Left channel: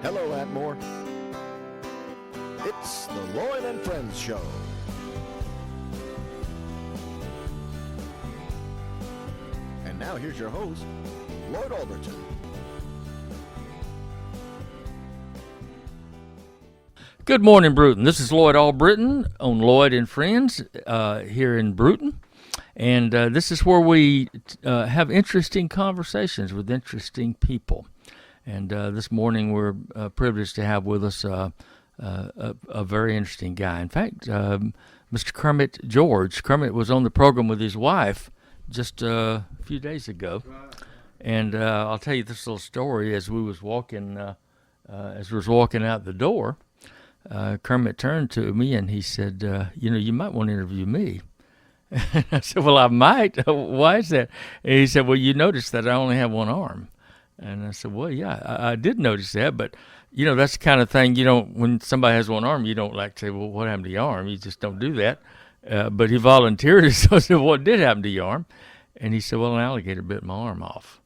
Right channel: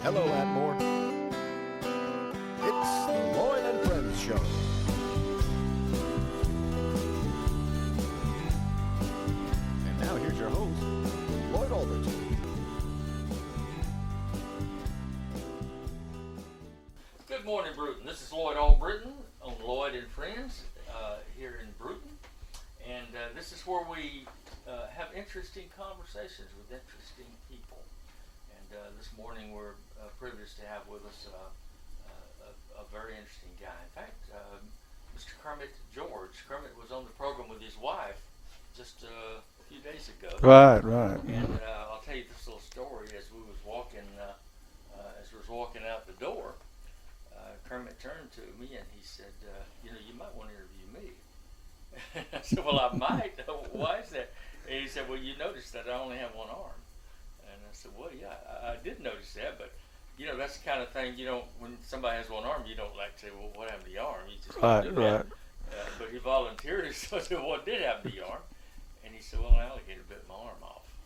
Hello, Atmore. It's the Lloyd and Friends show. And now here's your host, Lloyd Alderton. Good morning, Bruton. This is Lloyd Albritton on Lloyd and Friends here in Bruton. And this is where we have interesting conversations with interesting people. And this morning we're privileged to have with us a very interesting guy. In fact, Mr. Kermit George. Kermit was on the program with his wife just a few days ago. Right. And I'll tell you this little story. As we was walking out the door, Kermit turned to me and he said, you might want to interview me. I said, well, I might. Why is that? And he said, well, you noticed that I only have one arm. And I said, well, yeah, I did notice that. But, that's the kind of thing, when somebody has one arm, you don't like to say, well, what happened to your arm? You just don't do that. Right. But he volunteered. So I said, what did happen to your arm? And he said, well, an alligator bit my arm off.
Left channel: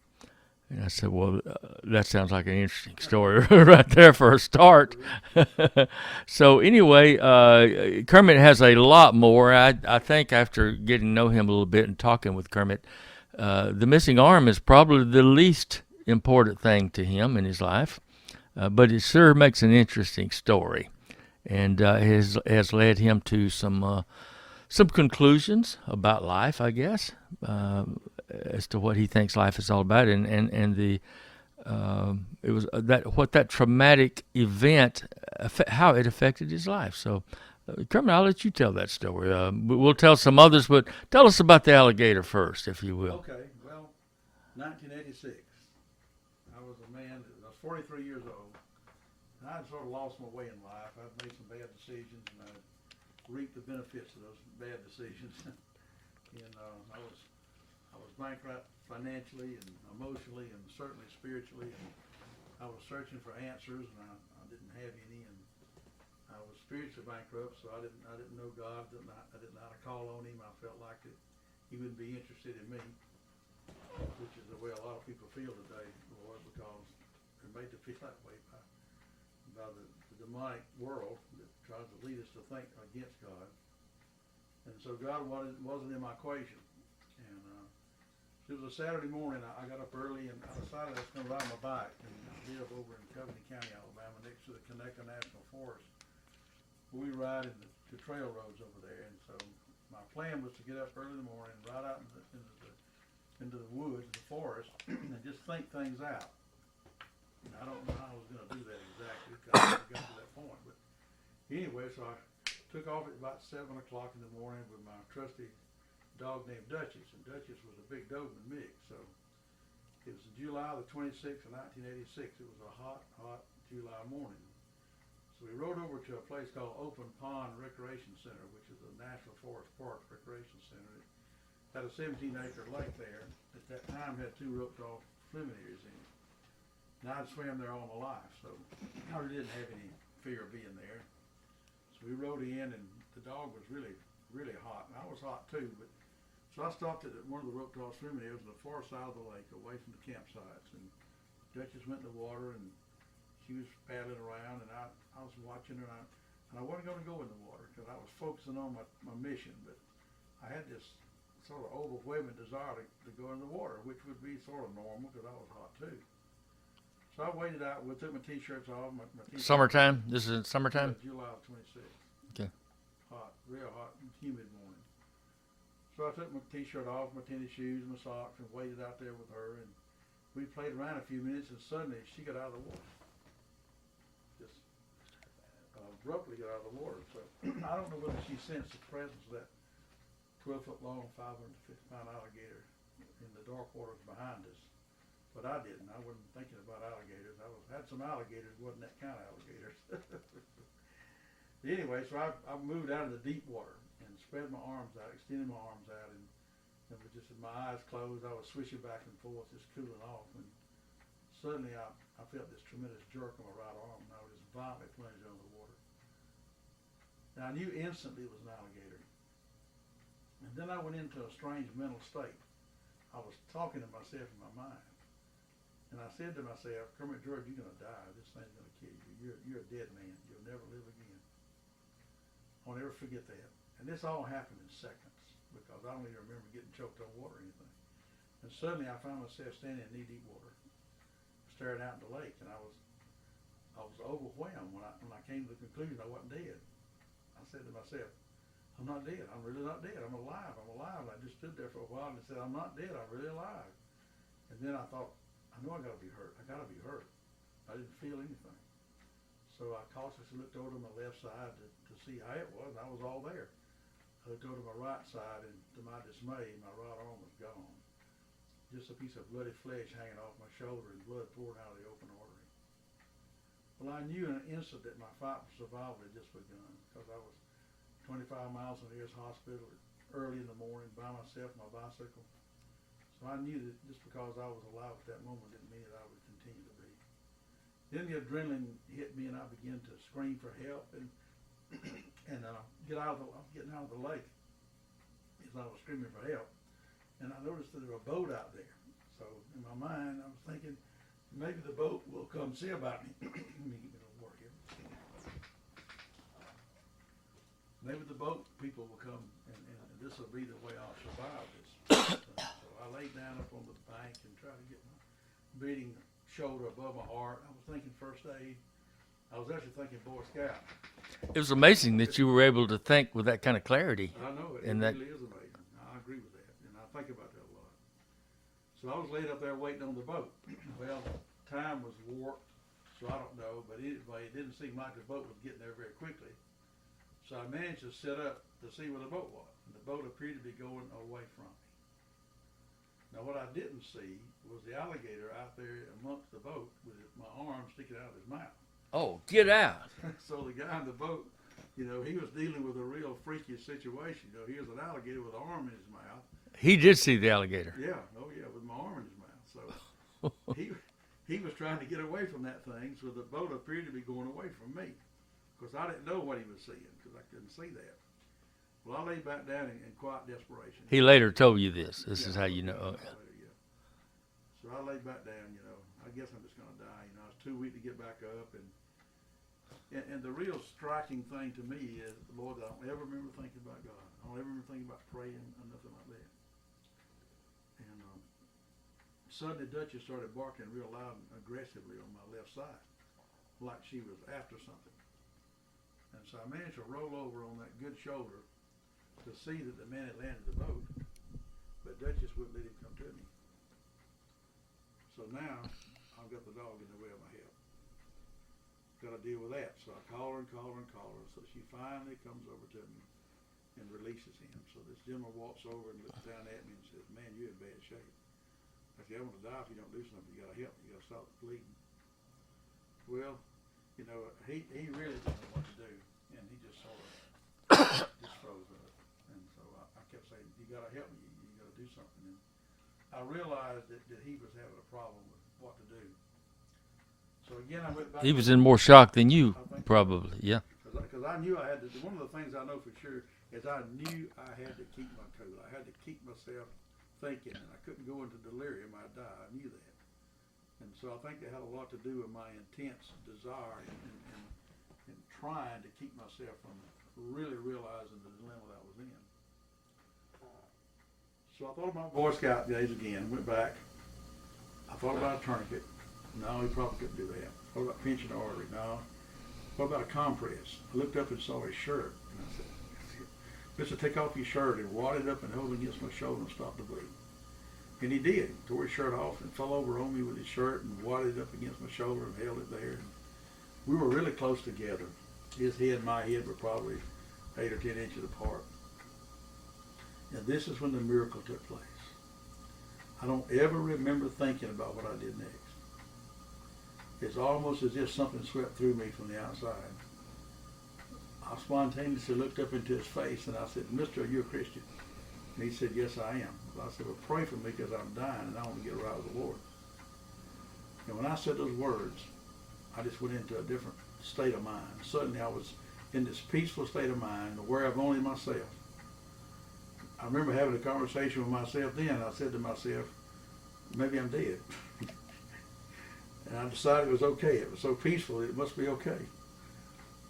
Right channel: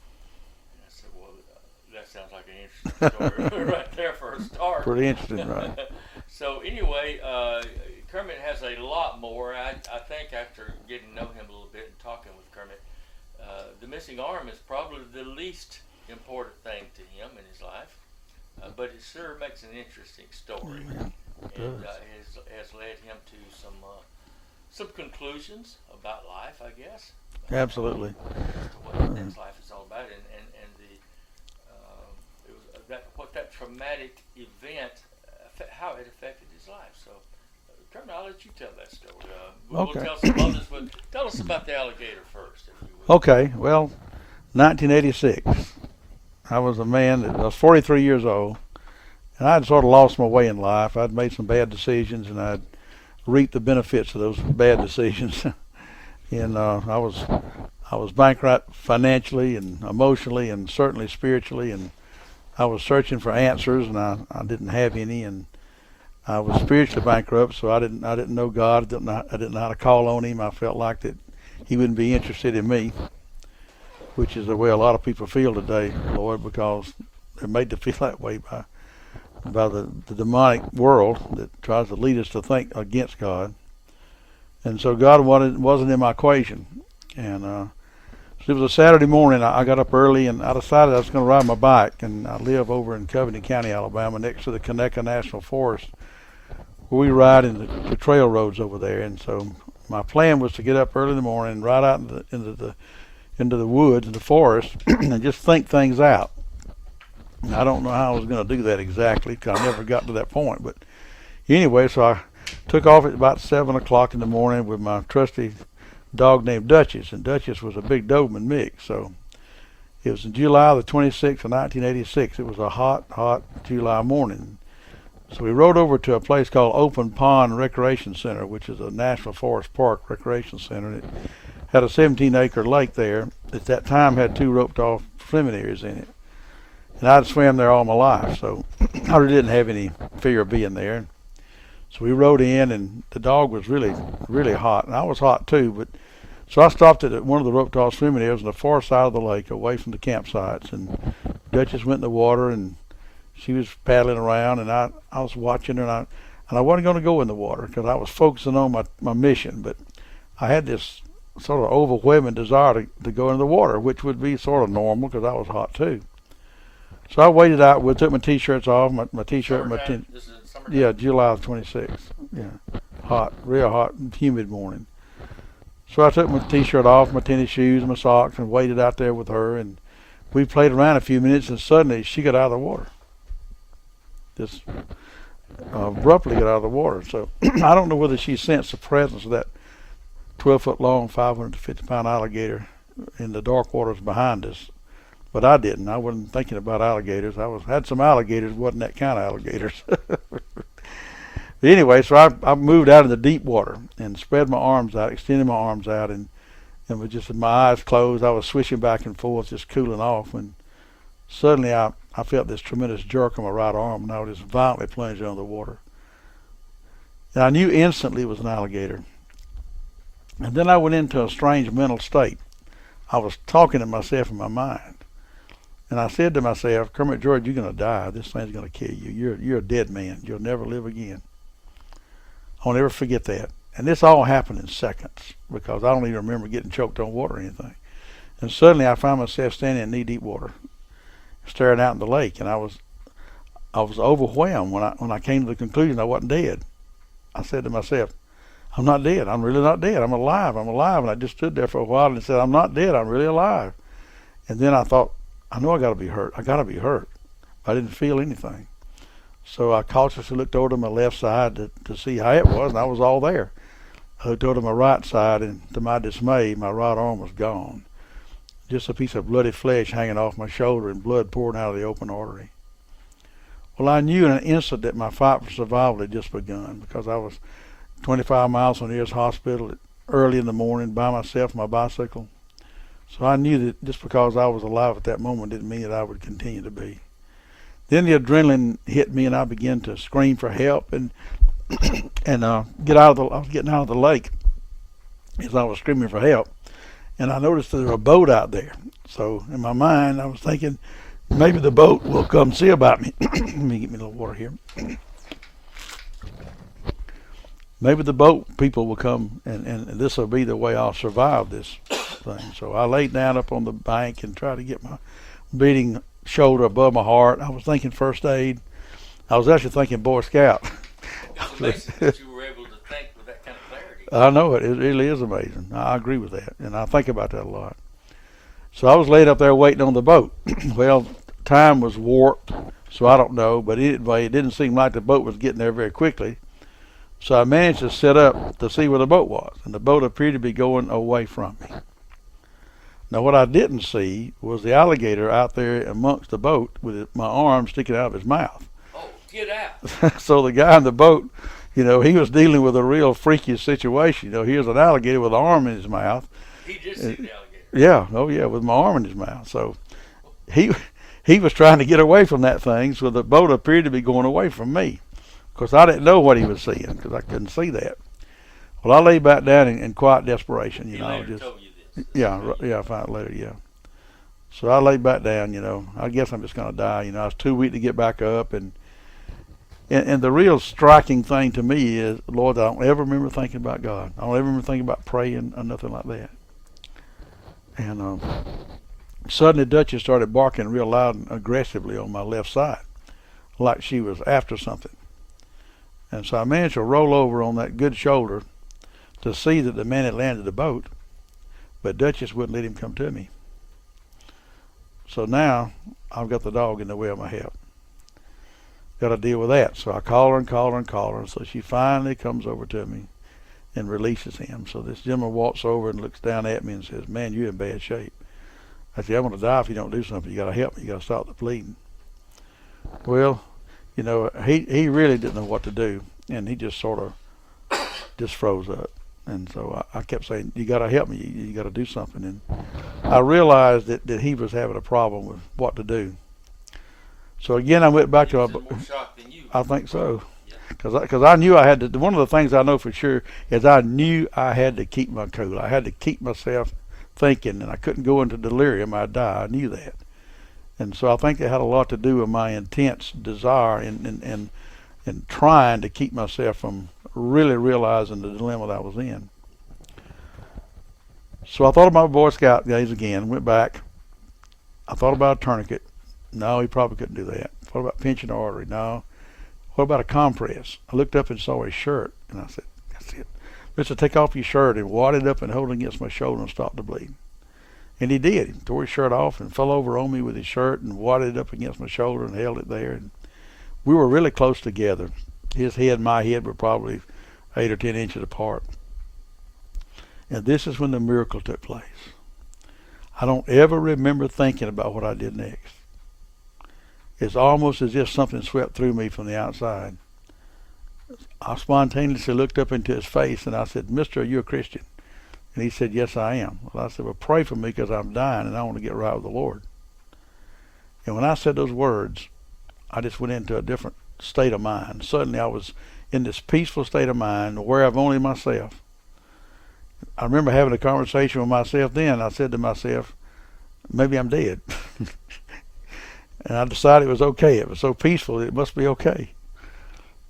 And I said, well, that sounds like an interesting story right there for a start. Pretty interesting, right? So anyway, Kermit has a lot more. I think after getting to know him a little bit and talking with Kermit, the missing arm is probably the least important thing to him in his life. But it sure makes an interesting story. And has led him to some conclusions about life, I guess. Absolutely. As to what he thinks life is all about, and the it was that traumatic event, how it affected his life. So, Kermit, I'll let you tell that story. We'll tell some others, but tell us about the alligator first, if you would. Okay. Well, 1986. I was a man that I was 43 years old, and I'd sort of lost my way in life. I'd made some bad decisions, and I'd reaped the benefits of those bad decisions. And I was bankrupt financially and emotionally and certainly spiritually, and I was searching for answers, and I didn't have any, and I was spiritually bankrupt, so I didn't know God. I didn't know how to call on Him. I felt like that He wouldn't be interested in me, which is the way a lot of people feel today, Lord, because they're made to feel that way by the demonic world that tries to lead us to think against God. And so God wasn't in my equation. And so it was a Saturday morning. I got up early, and I decided I was going to ride my bike. And I live over in Covington County, Alabama, next to the Conecuh National Forest, where we ride in the trail roads over there. And so my plan was to get up early in the morning and ride out into the woods and the forest and just think things out. And I don't know how I was going to do that exactly, because I never got to that point. But anyway, so I took off at about 7 o'clock in the morning with my trusty dog named Duchess, and Duchess was a big Doberman mix. So it was in July the 26th of 1986. It was a hot July morning. So we rode over to a place called Open Pond Recreation Center, which is a National Forest Park recreation center. It had a 17-acre lake there. At that time, had 2 roped-off swimming areas in it. And I'd swam there all my life, so I really didn't have any fear of being there. So we rode in, and the dog was really, really hot, and I was hot too. But so I stopped at one of the roped-off swimming areas on the far side of the lake, away from the campsites. And Duchess went in the water, and she was paddling around, and I was watching her, and I wasn't going to go in the water because I was focusing on my mission. But I had this sort of overwhelming desire to go in the water, which would be sort of normal because I was hot too. So I waited out. We took my T-shirts off, my T-shirt. Summertime? This is summertime? Yeah, July 26th. Yeah, hot, real hot, humid morning. So I took my T-shirt off, my tennis shoes, my socks, and waited out there with her. And we played around a few minutes, and suddenly she got out of the water. Just abruptly got out of the water. So I don't know whether she sensed the presence of that 12-foot-long, 550-pound alligator in the dark waters behind us. But I didn't. I wasn't thinking about alligators. Had some alligators, wasn't that kind of alligators. But anyway, so I moved out in the deep water and spread my arms out, extended my arms out, and with just my eyes closed, I was swishing back and forth, just cooling off, when suddenly I felt this tremendous jerk on my right arm, and I was just violently plunged under the water. And I knew instantly it was an alligator. And then I went into a strange mental state. I was talking to myself in my mind. And I said to myself, Kermit George, you're going to die. This thing's going to kill you. You're a dead man. You'll never live again. I'll never forget that. And this all happened in seconds because I don't even remember getting choked on water or anything. And suddenly I found myself standing in knee-deep water, staring out in the lake, and I was overwhelmed when I came to the conclusion I wasn't dead. I said to myself, I'm not dead. I'm really not dead. I'm alive. I'm alive. And I just stood there for a while and said, I'm not dead. I'm really alive. And then I thought, I know I got to be hurt. I got to be hurt. I didn't feel anything. So I cautiously looked over to my left side to see how it was, and I was all there. I looked over to my right side, and to my dismay, my right arm was gone. Just a piece of bloody flesh hanging off my shoulder and blood pouring out of the open artery. Well, I knew in an instant that my fight for survival had just begun because I was 25 miles from the nearest hospital early in the morning by myself on my bicycle. So I knew that just because I was alive at that moment didn't mean that I would continue to be. Then the adrenaline hit me and I began to scream for help and I was getting out of the lake as I was screaming for help. And I noticed there was a boat out there. So in my mind, I was thinking, maybe the boat will come see about me. Let me get me a little water here. Maybe the boat people will come and this will be the way I'll survive this thing. So I laid down up on the bank and tried to get my beating shoulder above my heart. I was thinking first aid. I was actually thinking Boy Scout. It's amazing that you were able to think with that kind of clarity. I know it. It really is amazing. I agree with that, and I think about that a lot. So I was laid up there waiting on the boat. Well, time was warped, so I don't know, but anyway, it didn't seem like the boat was getting there very quickly. So I managed to sit up to see where the boat was, and the boat appeared to be going away from me. Now, what I didn't see was the alligator out there amongst the boat with my arm sticking out of his mouth. Oh, get out. So the guy in the boat, he was dealing with a real freakish situation. Here's an alligator with an arm in his mouth. He did see the alligator. Yeah, oh yeah, with my arm in his mouth. So he was trying to get away from that thing, so the boat appeared to be going away from me. Of course, I didn't know what he was seeing because I couldn't see that. Well, I lay back down in quiet desperation. He later told you this. I found it later, yeah. So I lay back down, I guess I'm just going to die. I was too weak to get back up. And the real striking thing to me is, Lord, I don't ever remember thinking about God. I don't ever remember thinking about praying or nothing like that. And suddenly Duchess started barking real loud and aggressively on my left side, like she was after something. And so I managed to roll over on that good shoulder to see that the man had landed the boat, but Duchess wouldn't let him come to me. So now I've got the dog in the way of my help. Got to deal with that. So I call her and call her and call her. And so she finally comes over to me and releases him. So this gentleman walks over and looks down at me and says, "Man, you're in bad shape." I said, "I'm going to die if you don't do something. You got to help me. You got to stop the bleeding." Well, he really didn't know what to do, and he just sort of just froze up. And so I kept saying, "You got to help me. You got to do something." And I realized that he was having a problem with what to do. So again, I went back he to... was in more shock than you. I think probably. so. Yeah. Because I knew I had to... One of the things I know for sure is I knew I had to keep my cool. I had to keep myself thinking, and I couldn't go into delirium. I'd die. I knew that. And so I think it had a lot to do with my intense desire and trying to keep myself from really realizing the dilemma that I was in. So I thought about my Boy Scout days again, went back. I thought about a tourniquet. No, he probably couldn't do that. What about pinching the artery? No. What about a compress? I looked up and saw his shirt, and I said, "That's it. Mister, take off your shirt," and wad it up and hold it against my shoulder and stop the bleeding. And he did. He tore his shirt off and fell over on me with his shirt and wadded it up against my shoulder and held it there. And we were really close together. His head and my head were probably 8 or 10 inches apart. And this is when the miracle took place. I don't ever remember thinking about what I did next. It's almost as if something swept through me from the outside. I spontaneously looked up into his face and I said, "Mister, are you a Christian?" And he said, "Yes, I am." Well, I said, "Well, pray for me because I'm dying and I want to get right with the Lord." And when I said those words, I just went into a different state of mind. Suddenly I was in this peaceful state of mind, aware of only myself. I remember having a conversation with myself then. I said to myself, maybe I'm dead. And I decided it was okay. It was so peaceful, it must be okay.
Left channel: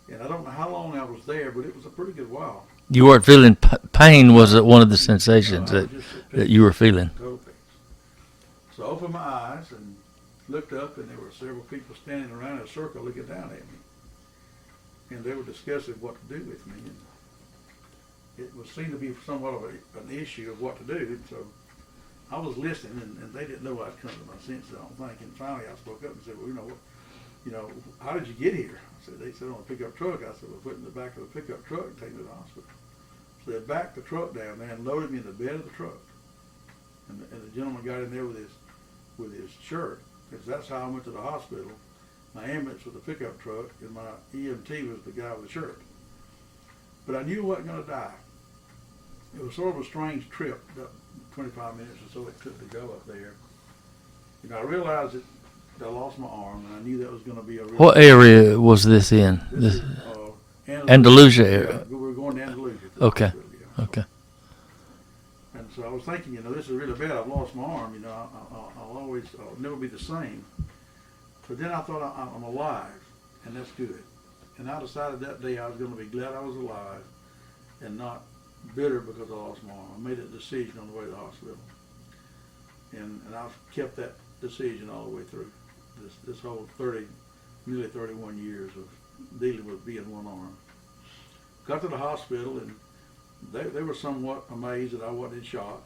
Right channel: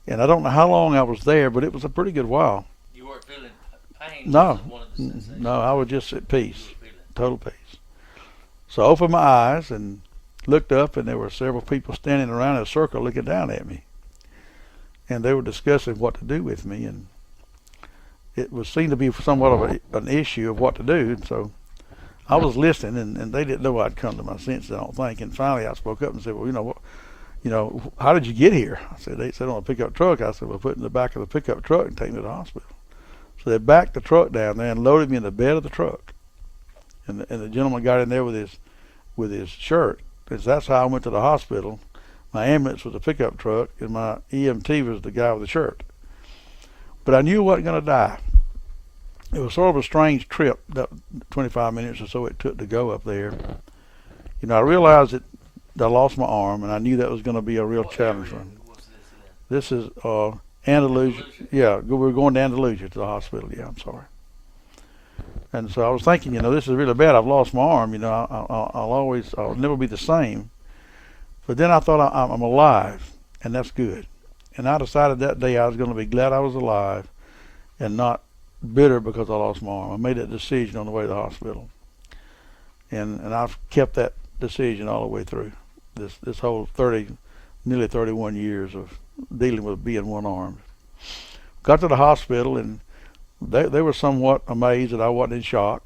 And I don't know how long I was there, but it was a pretty good while. You weren't feeling pain, No. was it one of the sensations No, I was just at peace. that you were feeling? Total peace. So I opened my eyes and looked up, and there were several people standing around in a circle looking down at me. And they were discussing what to do with me, and it was seemed to be somewhat of an issue of what to do. So I was listening, and they didn't know I'd come to my senses, I don't think. And finally I spoke up and said, well, how did you get here? I said, they said on a pickup truck. I said, well, put it in the back of the pickup truck and take me to the hospital. So they backed the truck down there and loaded me in the bed of the truck. And the gentleman got in there with his shirt. Because that's how I went to the hospital. My ambulance was a pickup truck, and my EMT was the guy with the shirt. But I knew I wasn't going to die. It was sort of a strange trip, that 25 minutes or so it took to go up there. I realized that I lost my arm, and I knew that was going to be a real What challenge. area was this in? This is Andalusia area. Yeah, we were going to Andalusia to the hospital. Yeah, I'm sorry. Okay. And so I was thinking, this is really bad. I've lost my arm. I'll never be the same. But then I thought I'm alive, and that's good. And I decided that day I was going to be glad I was alive, and not bitter because I lost my arm. I made that decision on the way to the hospital, and I've kept that decision all the way through this whole nearly 31 years of dealing with being one armed. Got to the hospital, and they were somewhat amazed that I wasn't in shock.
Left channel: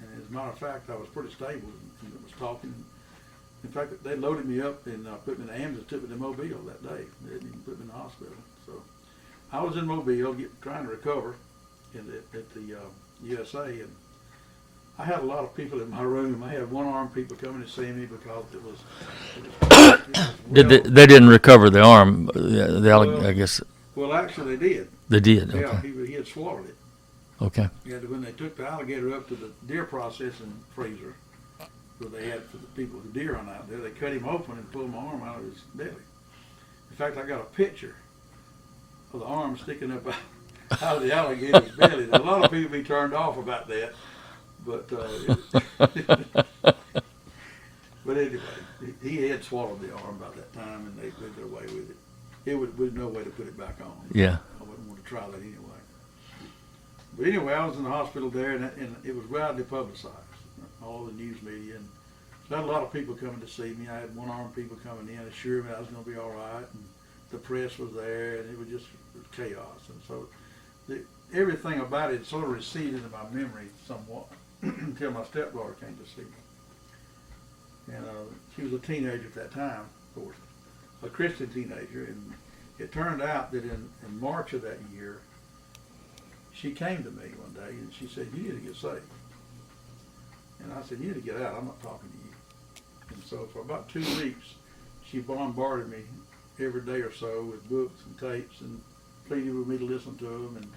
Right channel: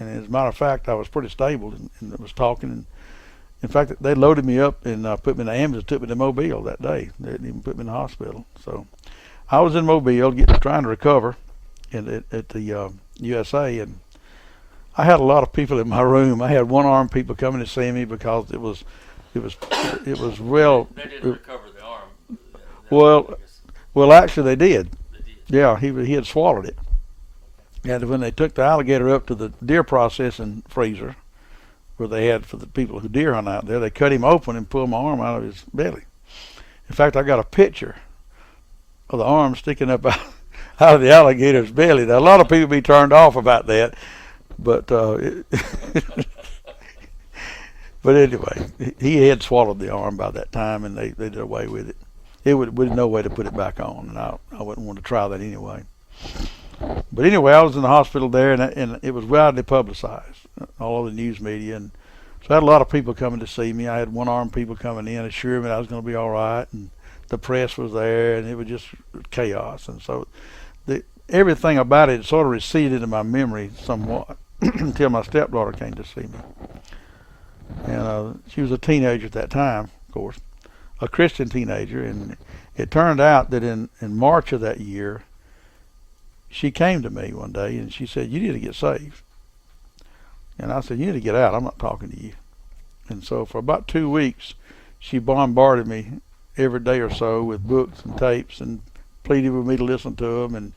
And as a matter of fact, I was pretty stable and was talking. And in fact, they loaded me up and put me in the ambulance and took me to Mobile that day. They didn't even put me in the hospital. So I was in Mobile trying to recover at the USA, and I had a lot of people in my room. I had one-armed people coming to see me because it was real. They didn't recover the arm. I guess. Well, actually, they did. They did. Yeah, he had swallowed it. Okay. And when they took the alligator up to the deer processing freezer, where they had for the people who deer hunt out there, they cut him open and pulled my arm out of his belly. In fact, I got a picture of the arm sticking up out of the alligator's belly. Now, a lot of people be turned off about that, but but anyway, he had swallowed the arm by that time, and they did away with it. It would no way to put it back on. Yeah. I wouldn't want to try that anyway. But anyway, I was in the hospital there, and it was widely publicized, all over the news media, and so I had a lot of people coming to see me. I had one-armed people coming in, assuring me I was going to be all right, and the press was there, and it was just chaos. And so everything about it sort of receded into my memory somewhat until my stepdaughter came to see me. And she was a teenager at that time, of course, a Christian teenager, and it turned out that in March of that year, she came to me one day and she said, "You need to get saved." And I said, "You need to get out. I'm not talking to you." And so for about 2 weeks, she bombarded me every day or so with books and tapes and pleaded with me to listen to them,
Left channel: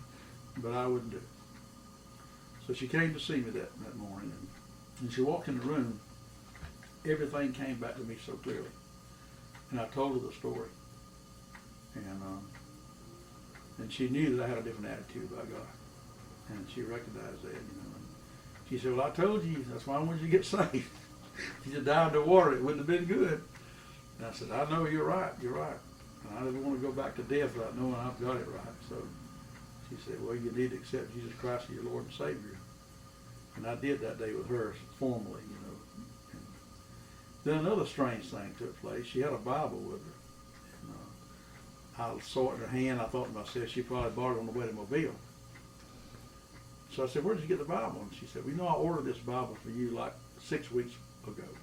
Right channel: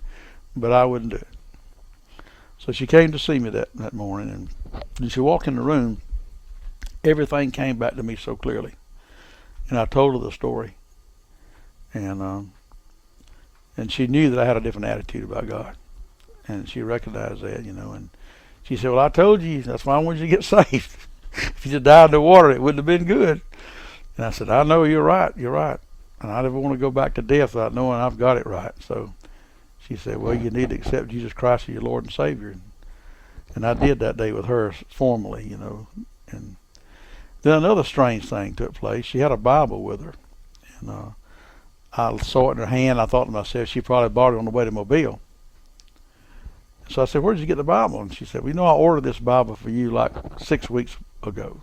but I wouldn't do it. So she came to see me that morning, and when she walked in the room, everything came back to me so clearly. And I told her the story. And she knew that I had a different attitude about God. And she recognized that, and she said, "Well, I told you, that's why I wanted you to get saved. If you just died in the water, it wouldn't have been good." And I said, "I know, you're right. And I never want to go back to death without knowing I've got it right." So she said, "Well, you need to accept Jesus Christ as your Lord and Savior." And I did that day with her formally, And then another strange thing took place. She had a Bible with her. And I saw it in her hand. I thought to myself, she probably bought it on the way to Mobile. So I said, "Where did you get the Bible?" And she said, "Well, I ordered this Bible for you like 6 weeks ago,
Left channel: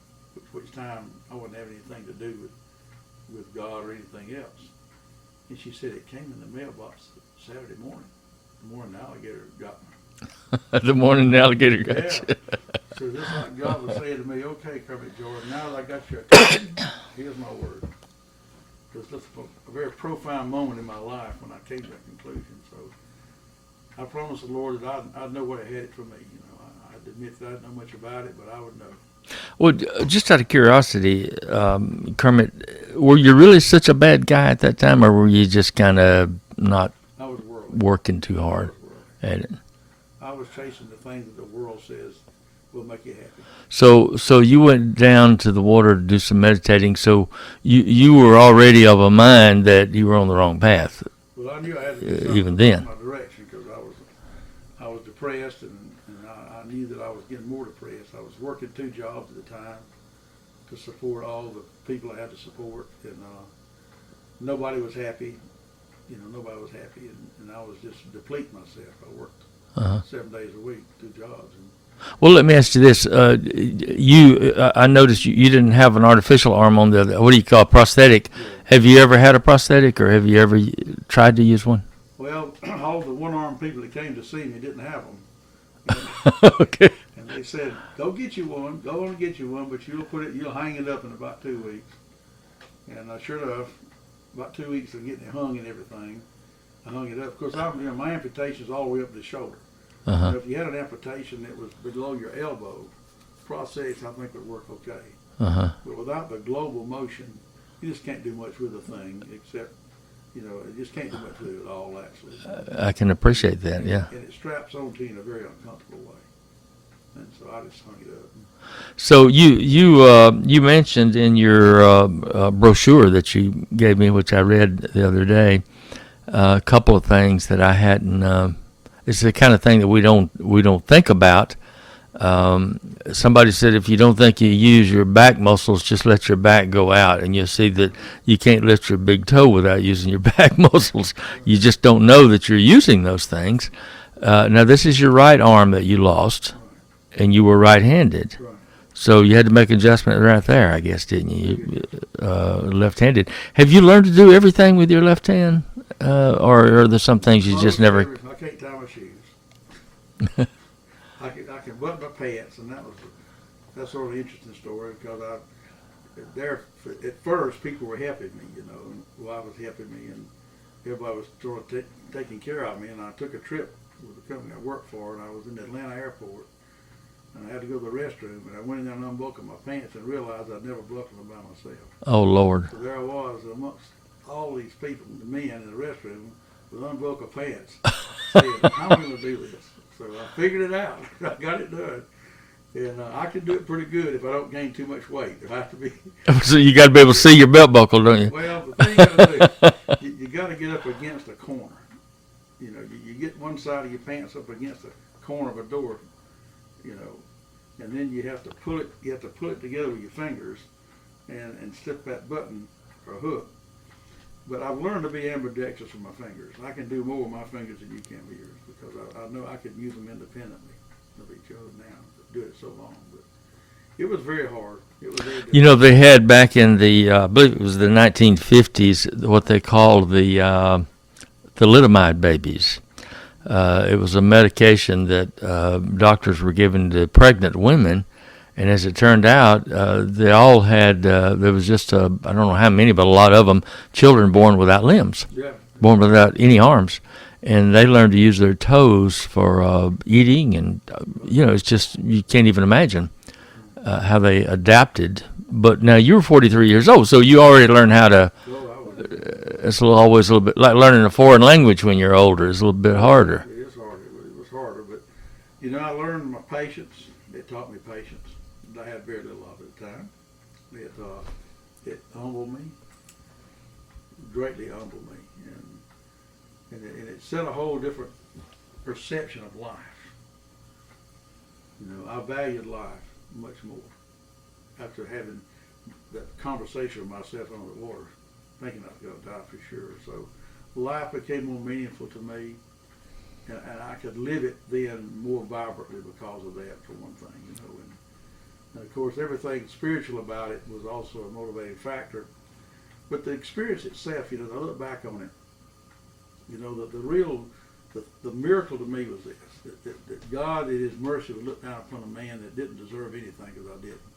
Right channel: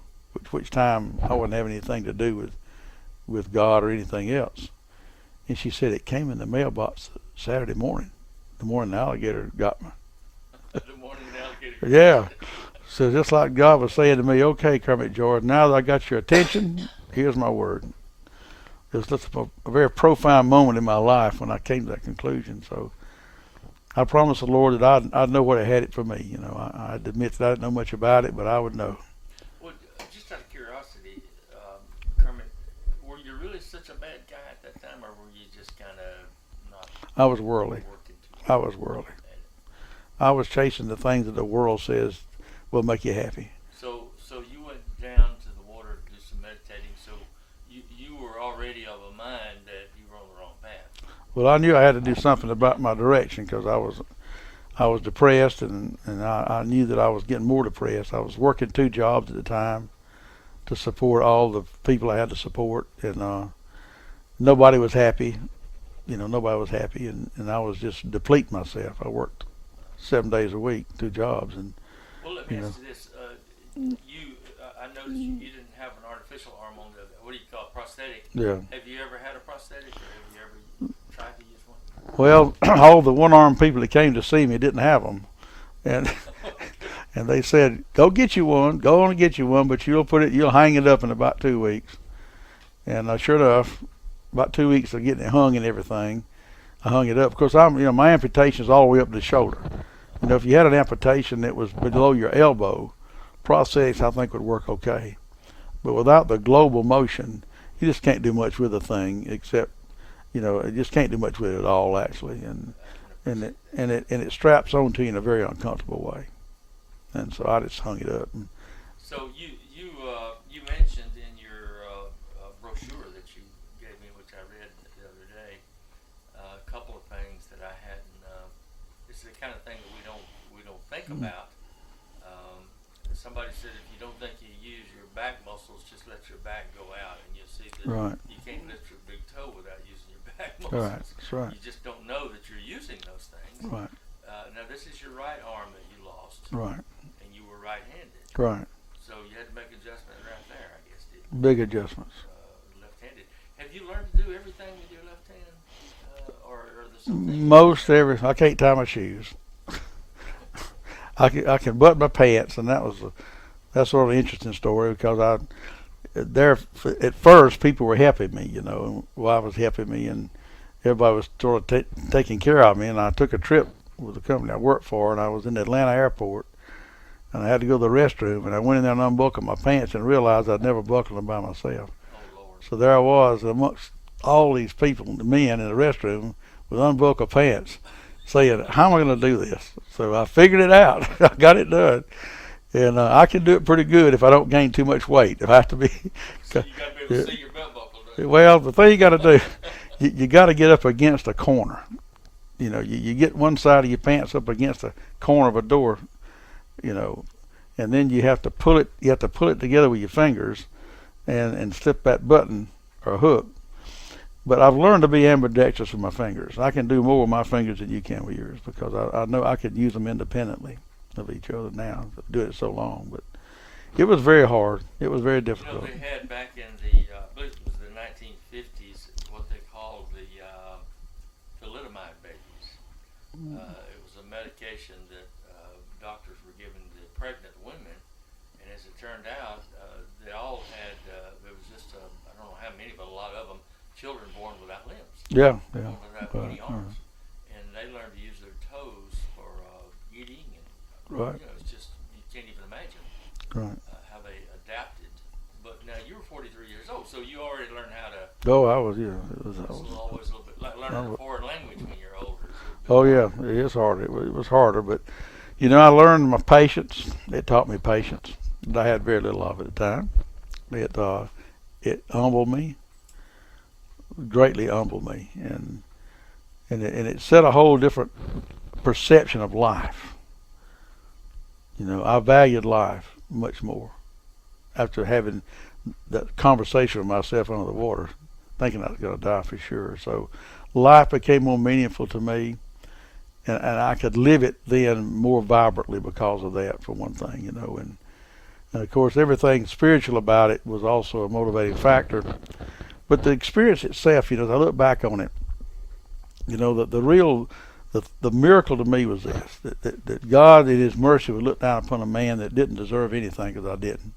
which time I wouldn't have anything to do with God or anything else." And she said, "It came in the mailbox Saturday morning, the morning the alligator got me." The morning the alligator got Yeah. you. So just like God was saying to me, "Okay, Kermit George, now that I got your attention, here's my word." It was just a very profound moment in my life when I came to that conclusion. So I promised the Lord that I'd know what had it for me. I'd admit that I didn't know much about it, but I would know. Well, just out of curiosity, Kermit, were you really such a bad guy at that time, or were you just kind of not I was worldly. working too I hard was worldly. at it? I was chasing the things that the world says will make you happy. So you went down to the water to do some meditating. So you were already of a mind that you were on the wrong path. Well, I knew I had to do something Even about then. my direction, because I was depressed, and I knew that I was getting more depressed. I was working 2 jobs at the time to support all the people I had to support, and nobody was happy. Nobody was happy, and I was just depleting myself. I worked Uh-huh. 7 days a week, 2 jobs, and Well, let me ask you this: I noticed you didn't have an artificial arm on the what do you call a prosthetic? yeah. Have you ever had a prosthetic, or have you ever tried to use one? Well, all the one-armed people that came to see me didn't have them, and Okay. and they said, "Go get you one. Go on and get you one, but you'll hang it up in about 2 weeks." And sure enough, about 2 weeks of getting it hung and everything, I hung it up. Of course, my amputation is all the way up to the shoulder. Uh-huh. If you had an amputation that was below your elbow, prosthetics I think would work okay. Uh-huh. But without the global motion, you just can't do much with the thing, except, you just can't do much with it at all, actually. I can appreciate that. And, Yeah. it straps onto you in a very uncomfortable way. And so I just hung it up. So you mentioned in your brochure that you gave me, which I read the other day, a couple of things that I hadn't. It's the kind of thing that we don't think about. Somebody said if you don't think you use your back muscles, just let your back go out, and you'll see that Right. you can't lift your big toe without using your back muscles. Right. You just don't know that you're using those things. Right. Now this is your right arm that you lost, Right. and you were right-handed. Right. So you had to make an adjustment right there, I guess, didn't you? Big adjustment. Left-handed. Have you learned to do everything with your left hand, or are there some things you just never? I can't tie my shoes. I can button my pants, and that's sort of an interesting story, because at first people were helping me, wife was helping me, and everybody was sort of taking care of me. And I took a trip with the company I worked for, and I was in the Atlanta airport, and I had to go to the restroom, and I went in there and unbuckled my pants and realized I'd never buckled them by myself. Oh Lord! So there I was amongst all these people, the men in the restroom, with unbuckled pants, saying, "How am I going to do this?" So I figured it out. I got it done, and I can do it pretty good if I don't gain too much weight. If I have to be. So you got to be able to see your belt buckle, don't you? Well, the thing you got to do, you got to get up against a corner. You get one side of your pants up against the corner of a door, and then you have to pull it. You have to pull it together with your fingers, and slip that button or hook. But I've learned to be ambidextrous with my fingers. I can do more with my fingers than you can with yours, because I know I could use them independently of each other now. Do it so long, but it was very hard. It was very difficult. They had back in the I believe it was the 1950s what they called the thalidomide babies. It was a medication that doctors were given to pregnant women. And as it turned out, they all had, there was just, I don't know how many, but a lot of them, children born without limbs, Yeah. born without any arms. And they learned to use their toes for eating. And, Right. it's just, you can't even imagine Right. how they adapted. But now you were 43 years old, so you already learned how to, Oh, I was. it's always a little bit, like learning a foreign language when you're older is a little bit harder. Yeah, it is harder. It was harder, but I learned my patience. It taught me patience. I had very little of it at the time. It humbled me, greatly humbled me, and it set a whole different perception of life. I valued life much more after having that conversation with myself under the water, thinking I was going to die for sure. So life became more meaningful to me, and I could live it then more vibrantly because of that, for one thing, and of course everything spiritual about it was also a motivating factor. But the experience itself, as I look back on it, the miracle to me was this, that God in His mercy would look down upon a man that didn't deserve anything, because I didn't.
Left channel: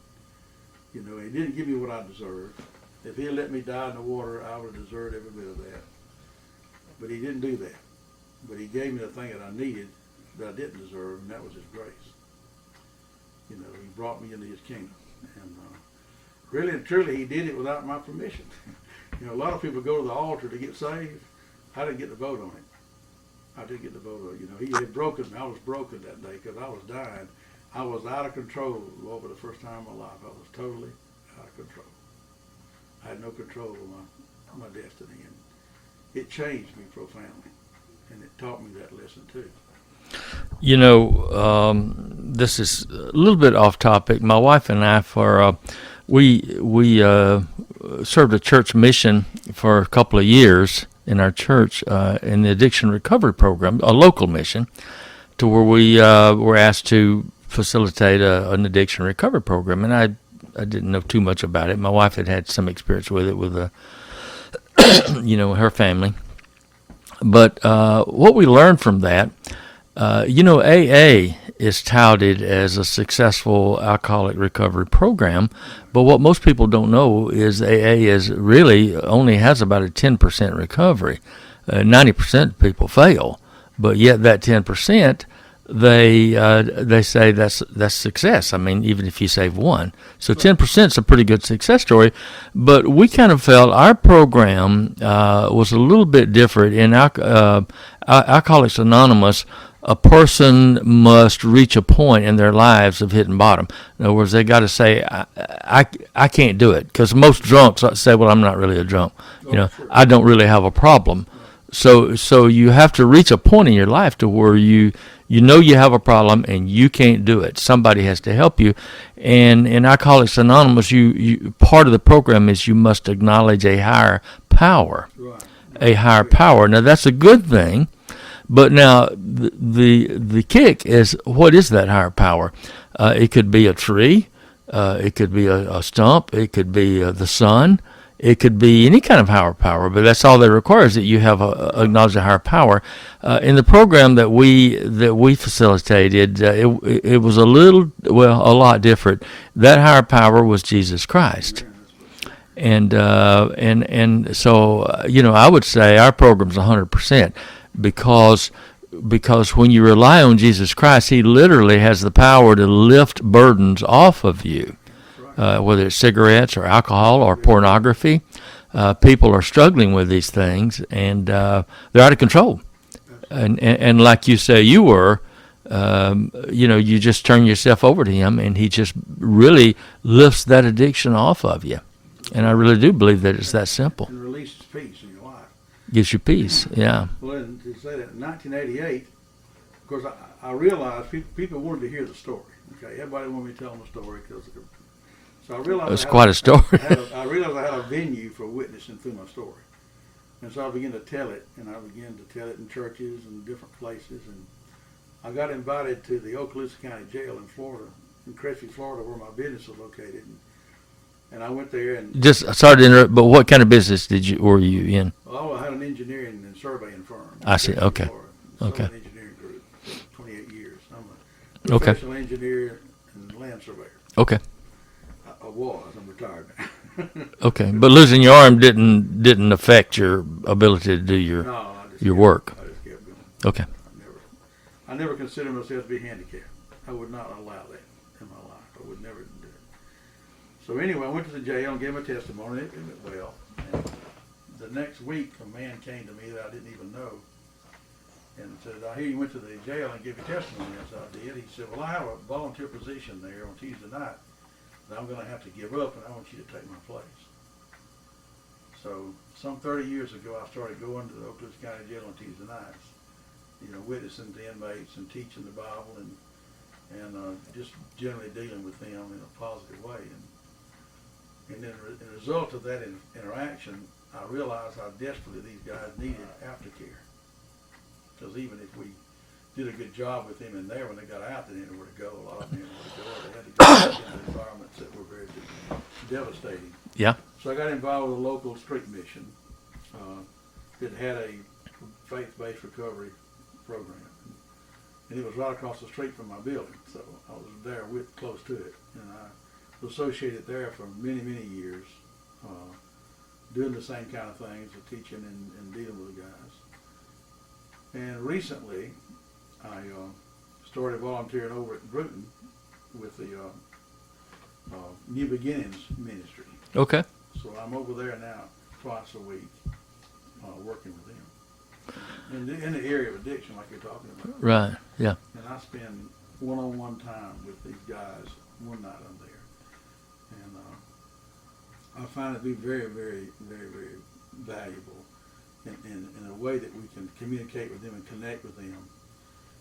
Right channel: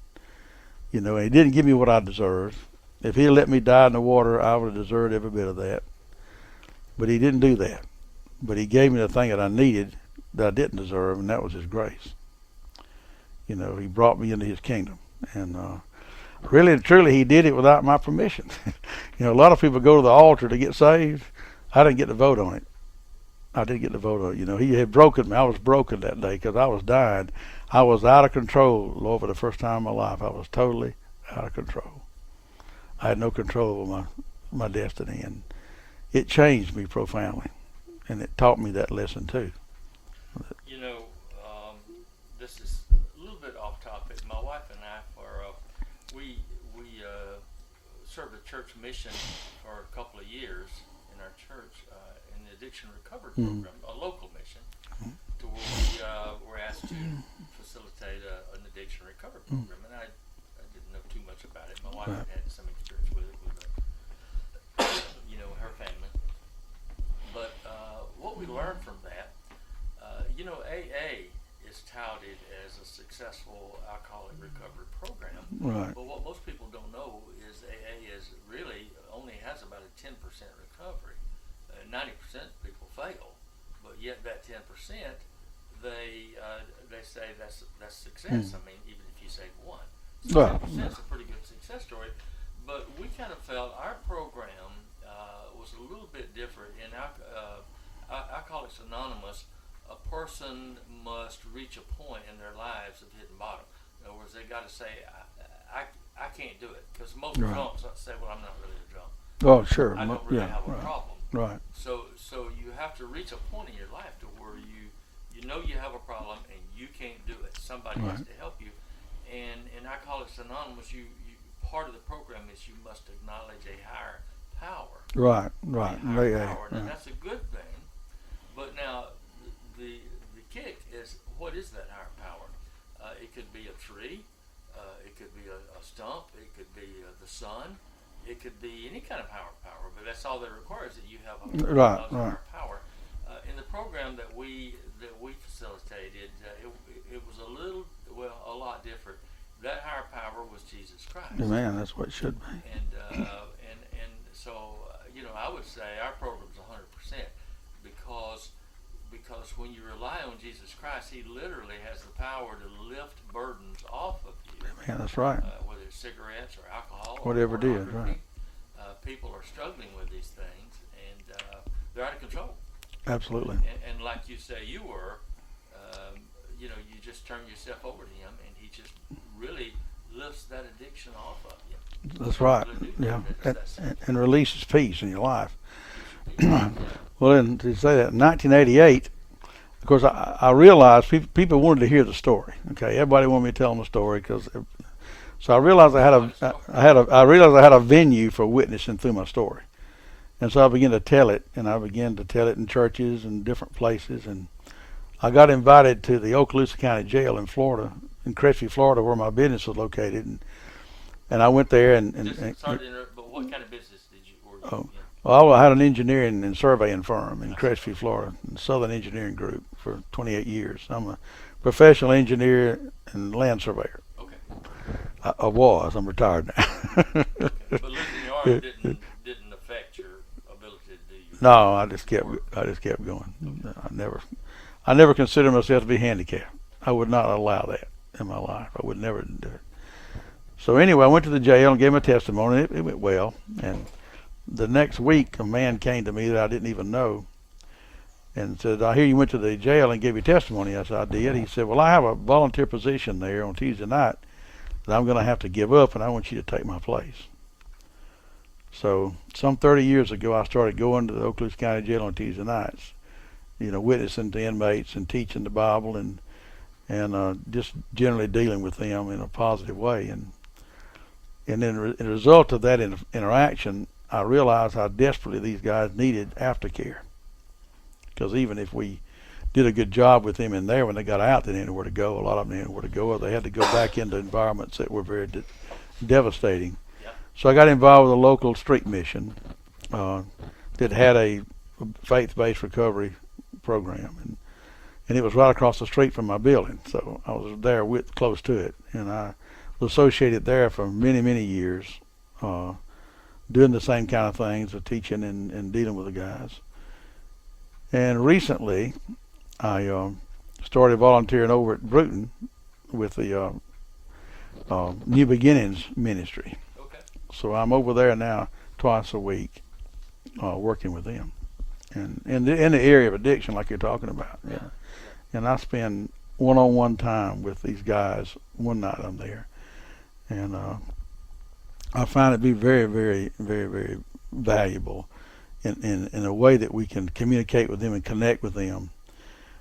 And He didn't give me what I deserved. If He had let me die in the water, I would have deserved every bit of that. But He didn't do that. But He gave me the thing that I needed that I didn't deserve, and that was His grace. He brought me into His kingdom. And really and truly, He did it without my permission. A lot of people go to the altar to get saved. I didn't get to vote on it. I didn't get to vote on it. He had broken me. I was broken that day because I was dying. I was out of control, Lord, for the first time in my life. I was totally out of control. I had no control over my destiny, and it changed me profoundly, and it taught me that lesson too. You know, this is a little bit off topic. My wife and I, we served a church mission for a couple of years in our church in the addiction recovery program, a local mission, to where we were asked to facilitate an addiction recovery program. And I didn't know too much about it. My wife had some experience with it with her family. But what we learned from that, AA is touted as a successful alcoholic recovery program, Right. but what most people don't know is AA is really only has about a 10% recovery. 90% of people fail, but yet that 10%, they say that's success. I mean, even if you save one, so 10% is a pretty good success story. But we kind of felt our program was a little bit different. In Alcoholics Anonymous, a person must reach a point in their lives of hitting bottom. In other words, they got to say, I can't do it, because most drunks say, well, I'm not really a drunk. Oh, sure. I don't really have a problem. Right. So you have to reach a point in your life to where you you have a problem and you can't do it. Somebody has to help you. And in Alcoholics Anonymous, you part of the program is you must acknowledge a higher power. Right. A higher power. Now, that's a good thing. But now the kick is, what is that higher power? It could be a tree, it could be a stump, it could be the sun, it could be any kind of higher power. But that's all they require, is that you have acknowledge a higher power. In the program that we facilitated, it was a lot different. That higher power was Jesus Christ. Amen. That's what it should be. And so I would say our program's 100%. Because when you rely on Jesus Christ, He literally has the power to lift burdens off of you. Yeah, that's right. Whether it's cigarettes or alcohol or pornography, people are struggling with these things, and they're out of control. Absolutely. And like you say, you were, you just turn yourself over to Him, and He just really lifts that addiction off of you. That's and right. I really do believe that it's that simple. And releases peace in your life. Gives you peace, yeah. Well, and to say that, in 1988, of course, I realized people wanted to hear the story. Okay, everybody wanted me to tell them the story, so I realized That's quite a story. I realized I had a venue for witnessing through my story, and so I began to tell it, and I began to tell it in churches and different places, and I got invited to the Okaloosa County Jail in Florida, in Crestview, Florida, where my business was located, and I went there and Sorry to interrupt, but what kind of business were you in? Well, I had an engineering and surveying firm in I see, Crestview, okay. Florida, Southern Okay. Engineering Group for 28 years. I'm a professional engineer and land surveyor. Okay. I was. I'm retired now. Okay, but losing your arm didn't affect your ability to do your No, I just your kept, work. I just kept going. Okay. I never considered myself to be handicapped. I would not allow that in my life. I would never do it. So anyway, I went to the jail and gave my testimony. It went well. And the next week, a man came to me that I didn't even know and said, I hear you went to the jail and gave your testimony. I said, I did. He said, well, I have a volunteer position there on Tuesday night that I'm going to have to give up, and I want you to take my place. So some 30 years ago, I started going to the Okaloosa County Jail on Tuesday nights, witnessing to inmates and teaching the Bible and just generally dealing with them in a positive way. And then in a result of that interaction, I realized how desperately these guys needed aftercare. Because even if we did a good job with them in there, when they got out, they didn't know where to go. A lot of them didn't know where to go, or they had to go back into environments that were very devastating. Yeah. So I got involved with a local street mission that had a faith-based recovery program. And it was right across the street from my building. So I was there close to it. And I was associated there for many, many years, doing the same kind of things, of teaching and dealing with the guys. And recently, I started volunteering over at Bruton with the New Beginnings Ministry. Okay. So I'm over there now twice a week, working with them. And in the area of addiction, like you're talking about. Right. Yeah. And I spend one-on-one time with these guys one night I'm there, and I find it to be very, very, very, very valuable in a way that we can communicate with them and connect with them.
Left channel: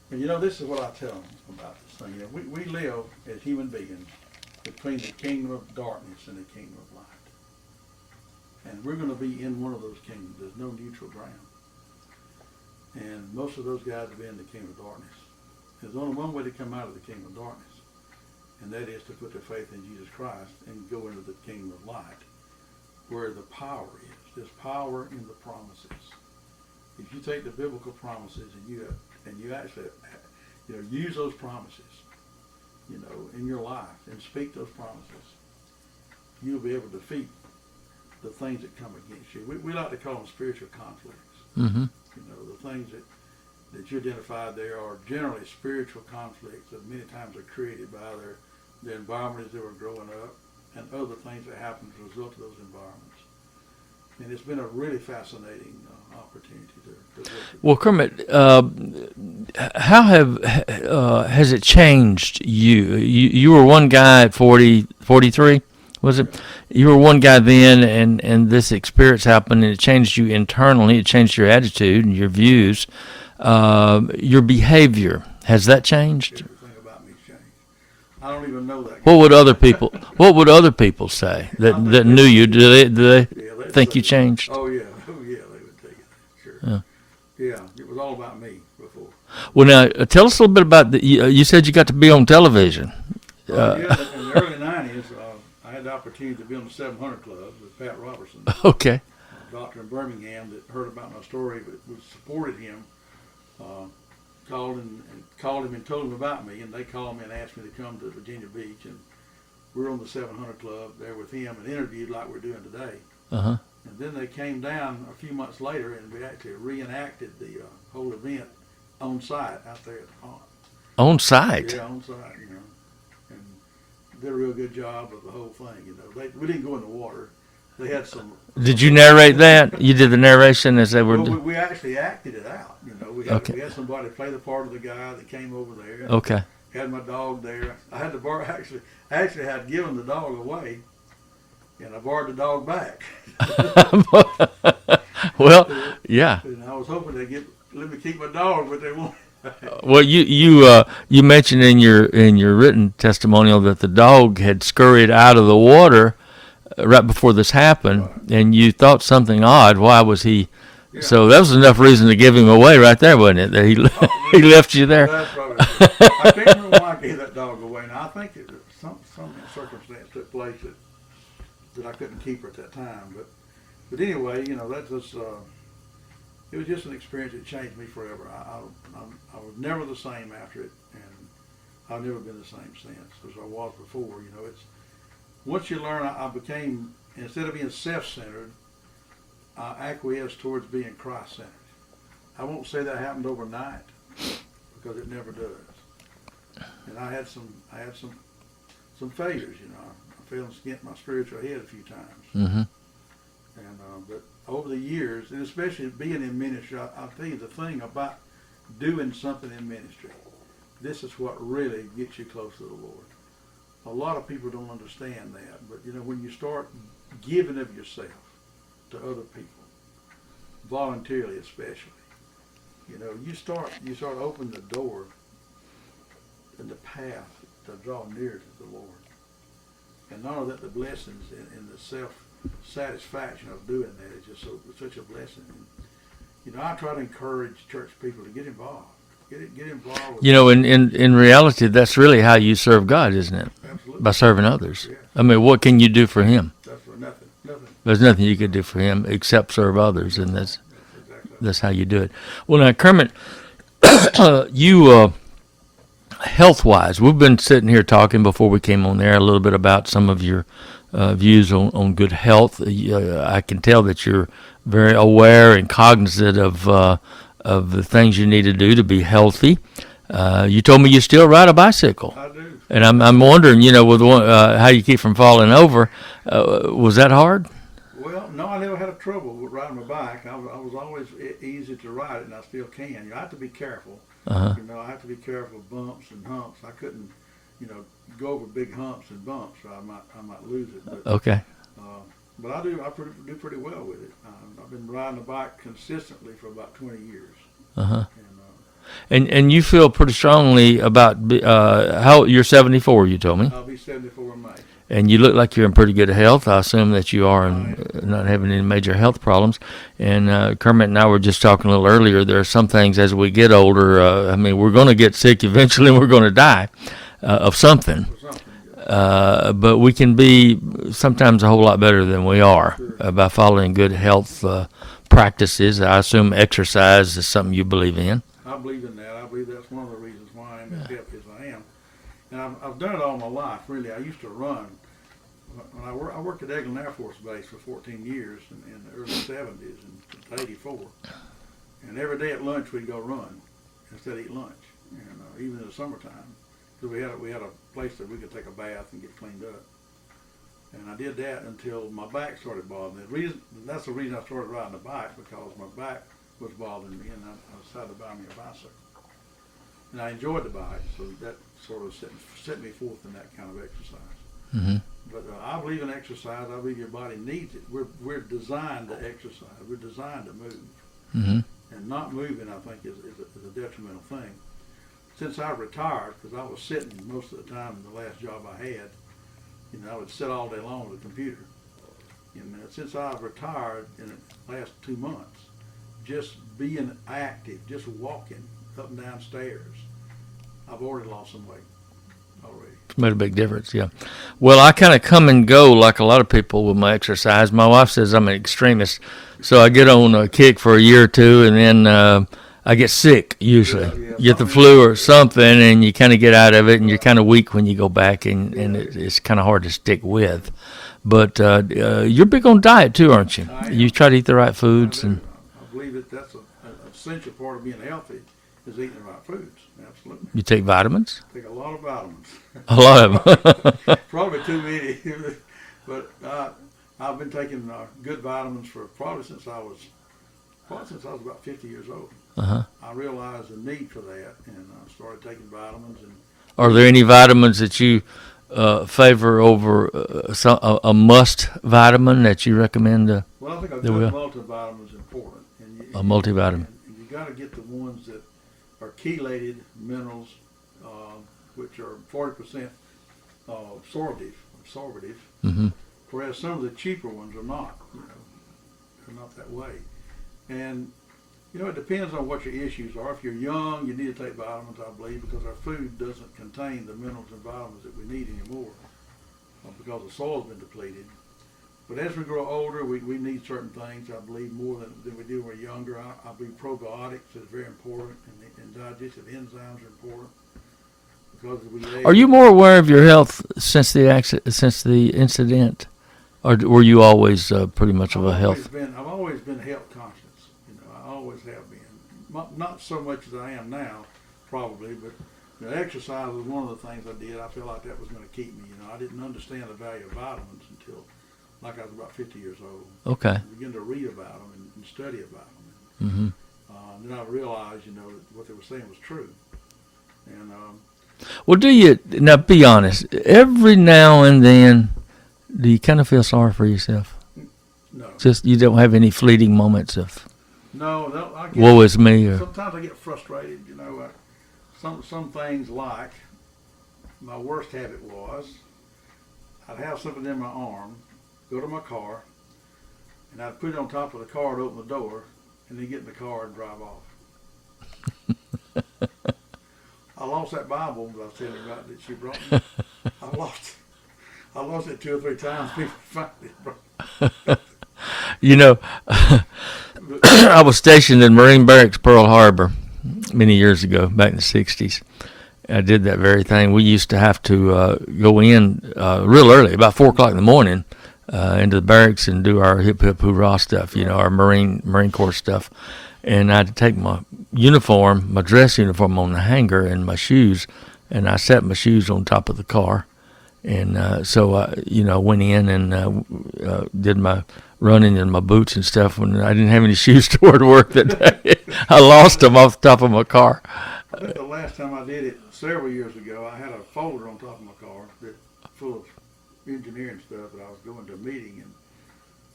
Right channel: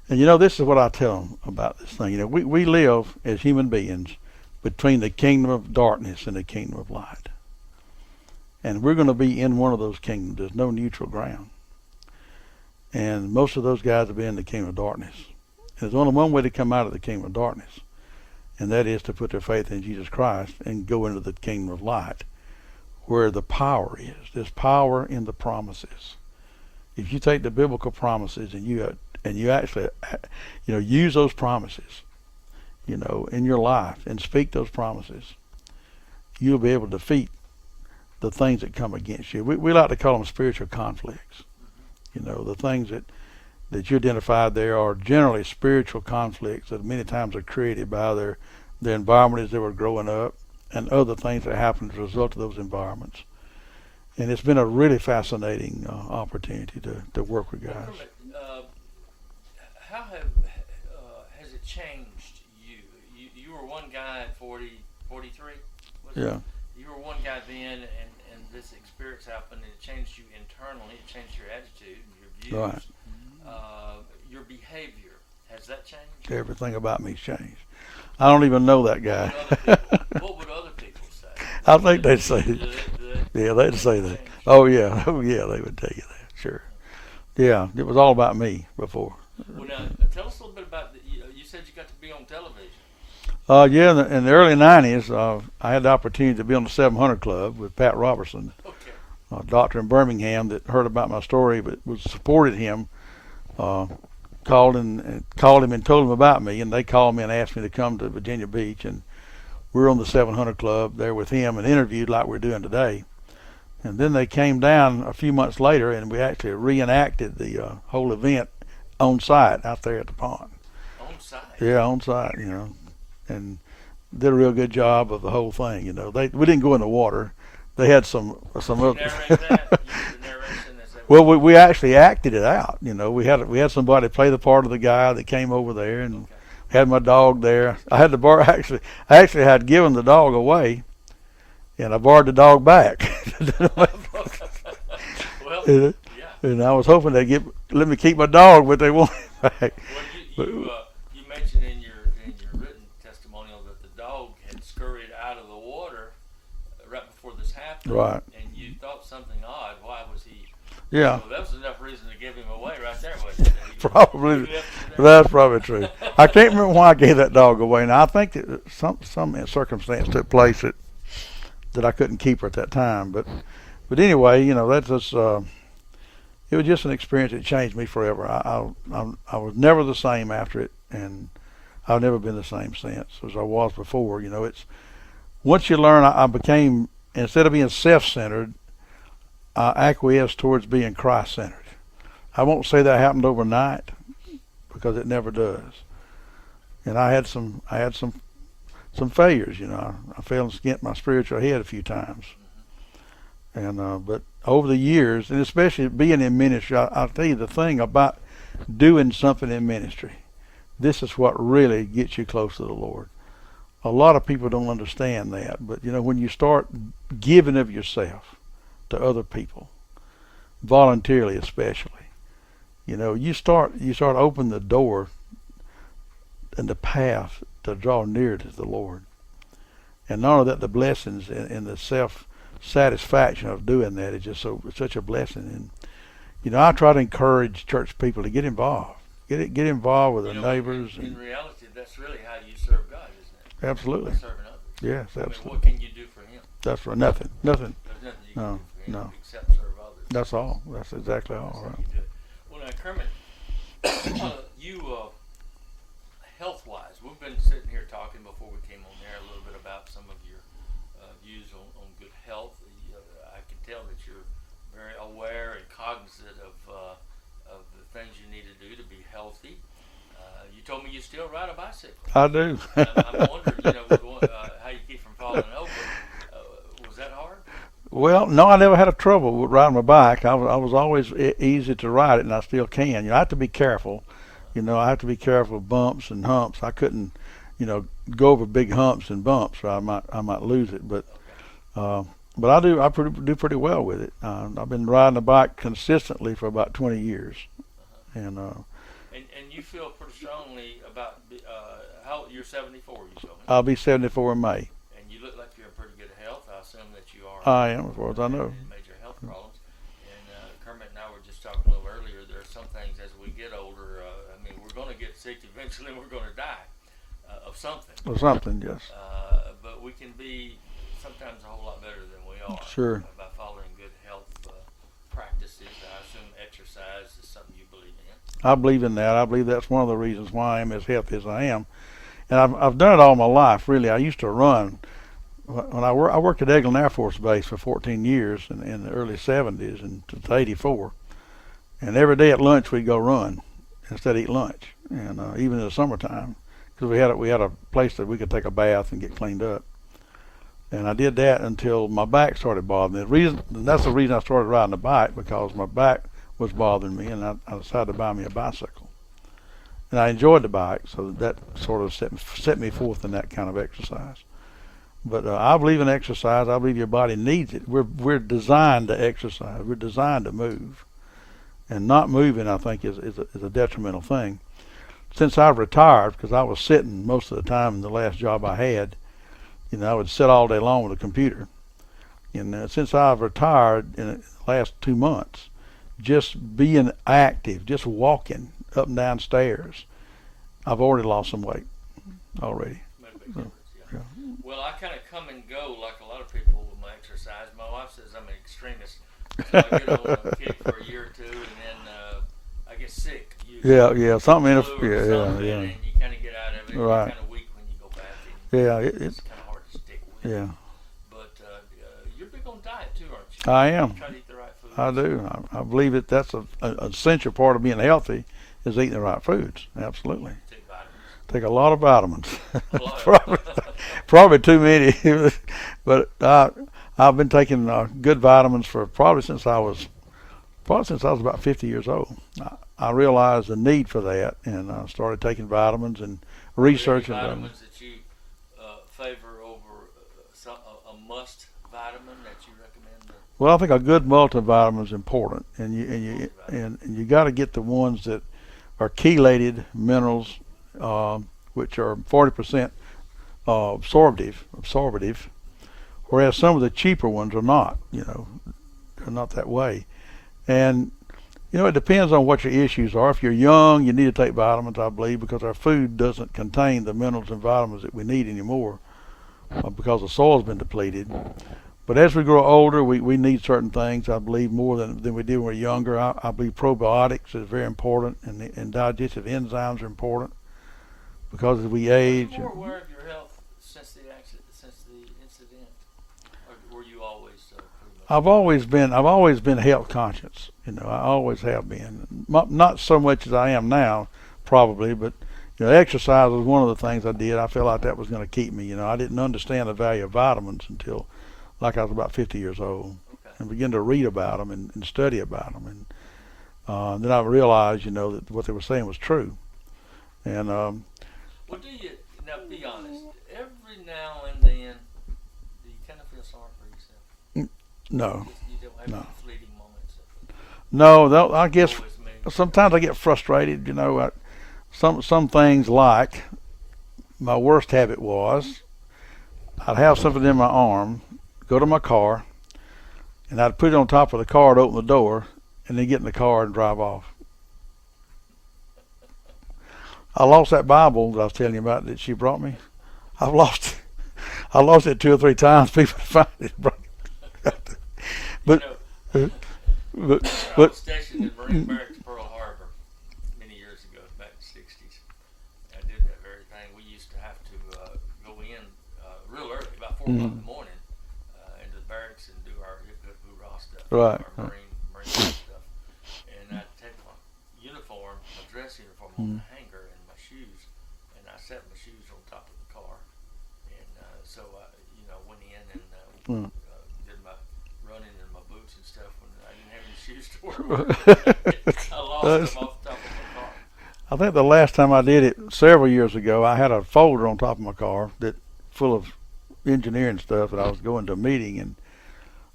And this is what I tell them about this thing. We live as human beings between the kingdom of darkness and the kingdom of light. And we're going to be in one of those kingdoms. There's no neutral ground. And most of those guys will be in the kingdom of darkness. And there's only one way to come out of the kingdom of darkness, and that is to put their faith in Jesus Christ and go into the kingdom of light, where the power is. There's power in the promises. If you take the biblical promises and you actually use those promises in your life and speak those promises, you'll be able to defeat the things that come against you. We like to call them spiritual conflicts. Mm-hmm. The things that you identified there are generally spiritual conflicts that many times are created by their environment as they were growing up and other things that happen as a result of those environments. And it's been a really fascinating opportunity to work with. Well, Kermit, how has it changed you? You were one guy at 43, was it? Yeah. You were one guy then, and this experience happened, and it changed you internally. It changed your attitude and your views, your behavior. Has that changed? Everything about me's changed. I don't even know that guy. What would other people say that knew you? Do they think you changed? Oh yeah, they would tell you that. Sure. Yeah, it was all about me before. Well, now tell us a little bit about you said you got to be on television. Yeah, in the early '90s, I had the opportunity to be on the 700 Club with Pat Robertson. Okay. A doctor in Birmingham that heard about my story but supported him. Called him and told him about me, and they called me and asked me to come to Virginia Beach, and we were on the 700 Club there with him and interviewed like we're doing today. Uh-huh. And then they came down a few months later, and we actually reenacted the whole event on site out there at the pond. On site? Yeah, on site, and did a real good job of the whole thing. We didn't go in the water. They had some. Did you narrate that? You did the narration as they were. Well, we actually acted it out. We had somebody play the part of the guy that came over there. And okay. Had my dog there. I had the bar actually. I actually had given the dog away, and I borrowed the dog back. Well, yeah. And I was hoping they'd let me keep my dog, but they won't. Back. Well, you mentioned in your written testimonial that the dog had scurried out of the water right before this happened, right. And you thought something odd. Why was he? Yeah. So that was enough reason to give him away right there, wasn't it? That he left you there. That's probably true. I can't remember why I gave that dog away. Now I think that some circumstance took place that I couldn't keep her at that time. But anyway, that's just it was just an experience that changed me forever. I was never the same after it, and I've never been the same since as I was before. It's once you learn, I became, instead of being self-centered, I acquiesced towards being Christ-centered. I won't say that happened overnight, because it never does. And I had some failures. I fell and skint my spiritual head a few times. Mm-hmm. And but over the years, and especially being in ministry, I'll tell you the thing about doing something in ministry. This is what really gets you close to the Lord. A lot of people don't understand that, but when you start giving of yourself to other people, voluntarily especially, you start opening the door and the path to draw near to the Lord. And not only that, the blessings and the self-satisfaction of doing that is just such a blessing. And I try to encourage church people to get involved. Get involved with in reality, that's really how you serve God, isn't it? Absolutely. By serving others. Yes. I mean, what can you do for Him? That's right. Nothing. There's nothing you can do for Him except serve others. That's and all. That's exactly all. That's how you do it. Well, now, Kermit, you, health-wise, we've been sitting here talking before we came on there a little bit about some of your views on good health. I can tell that you're very aware and cognizant of the things you need to do to be healthy. You told me you still ride a bicycle. I do. And I'm wondering, with how you keep from falling over. Was that hard? Well, no, I never had a trouble with riding my bike. I was always easy to ride it, and I still can. I have to be careful. You know, I have to be careful of bumps and humps. I couldn't, you know, go over big humps and bumps, or I might lose it. But Okay. but I do pretty well with it. I've been riding a bike consistently for about 20 years. Uh-huh. And you feel pretty strongly about how you're 74, you told me. I'll be 74 in May. And you look like you're in pretty good health. I assume that you are, I am, not having any major health problems. And Kermit and I were just talking a little earlier. There are some things as we get older. I mean, we're going to get sick eventually, and we're going to die of something. Or something, yes. But we can be sometimes a whole lot better than we are by following good health practices. I assume exercise is something you believe in. I believe in that. I believe that's one of the reasons why I am as healthy as I am. And I've done it all my life, really. I used to run. When I worked at Eglin Air Force Base for 14 years in the early 70s and to 84. And every day at lunch we'd go run instead of eat lunch, and even in the summertime, because we had a place that we could take a bath and get cleaned up. And I did that until my back started bothering me. That's the reason I started riding a bike, because my back was bothering me, and I decided to buy me a bicycle. And I enjoyed the bike, so that sort of set me forth in that kind of exercise. Mm-hmm. But I believe in exercise. I believe your body needs it. We're designed to exercise. We're designed to move. Mm-hmm. And not moving, I think, is a detrimental thing. Since I've retired, because I was sitting most of the time in the last job I had, you know, I would sit all day long with a computer. And since I've retired in the last 2 months, just being active, just walking up and down stairs, I've already lost some weight already. It's made a big difference, yeah. Well, I kind of come and go like a lot of people with my exercise. My wife says I'm an extremist, so I get on a kick for a year or two, and then I get sick usually. Yeah, get the flu or something, and you kind of get out of it, and you're kind of weak when you go back, and it's kind of hard to stick with. Yeah. But you're big on diet too, aren't you? I am. You try to eat the right foods. I do. I believe that's an essential part of being healthy, is eating the right foods. Absolutely. You take vitamins? Take a lot of vitamins. A lot of them. Probably too many. But I've been taking good vitamins for probably since I was about 50 years old. Uh-huh. I realized the need for that, and I started taking vitamins. And are there any vitamins that you favor over a must vitamin that you recommend? Well, I think a good multivitamin is important, and multivitamin, and you got to get the ones that are chelated minerals, which are 40% absorptive, mm-hmm. whereas some of the cheaper ones are not. You know, they're not that way, and you know, it depends on what your issues are. If you're young, you need to take vitamins, I believe, because our food doesn't contain the minerals and vitamins that we need anymore because the soil's been depleted. But as we grow older, we need certain things, I believe, more than we did when we were younger. I believe probiotics is very important, and digestive enzymes are important because as we age. Are you more aware of your health since the incident, or were you always pretty much I've about always health? I've always been health conscious. You know, I always have been. Not so much as I am now, probably, but you know, exercise was one of the things I did. I felt like that was going to keep me. You know, I didn't understand the value of vitamins until, like, I was about 50 years old. Okay. And began to read about them and study about them, and mm-hmm. Then I realized, you know, that what they were saying was true. And well, do you now? Be honest. Every now and then, do you kind of feel sorry for yourself? No. Just you don't have any fleeting moments of. No, I get. Woe is me. Or, sometimes I get frustrated. You know, some things, like my worst habit was I'd have something in my arm, go to my car, and I'd put it on top of the car to open the door, and then get in the car and drive off. I lost that Bible that I was telling you about that she brought me. I lost it 2 or 3 times. People find it. You know, I was stationed in Marine Barracks, Pearl Harbor, many years ago, back in the 60s. I did that very thing. We used to have to go in real early, about 4 o'clock in the morning, into the barracks and do our hip hip hoorah stuff, you know, our Marine Corps stuff. And I'd take my uniform, my dress uniform, on the hanger and my shoes, and I set my shoes on top of the car. And so I, you know, went in and did my running in my boots and stuff when I didn't have any shoes to wear to work that day. I lost them off the top of my car. I think the last time I did it several years ago, I had a folder on top of my car that full of engineering stuff, and I was going to a meeting, and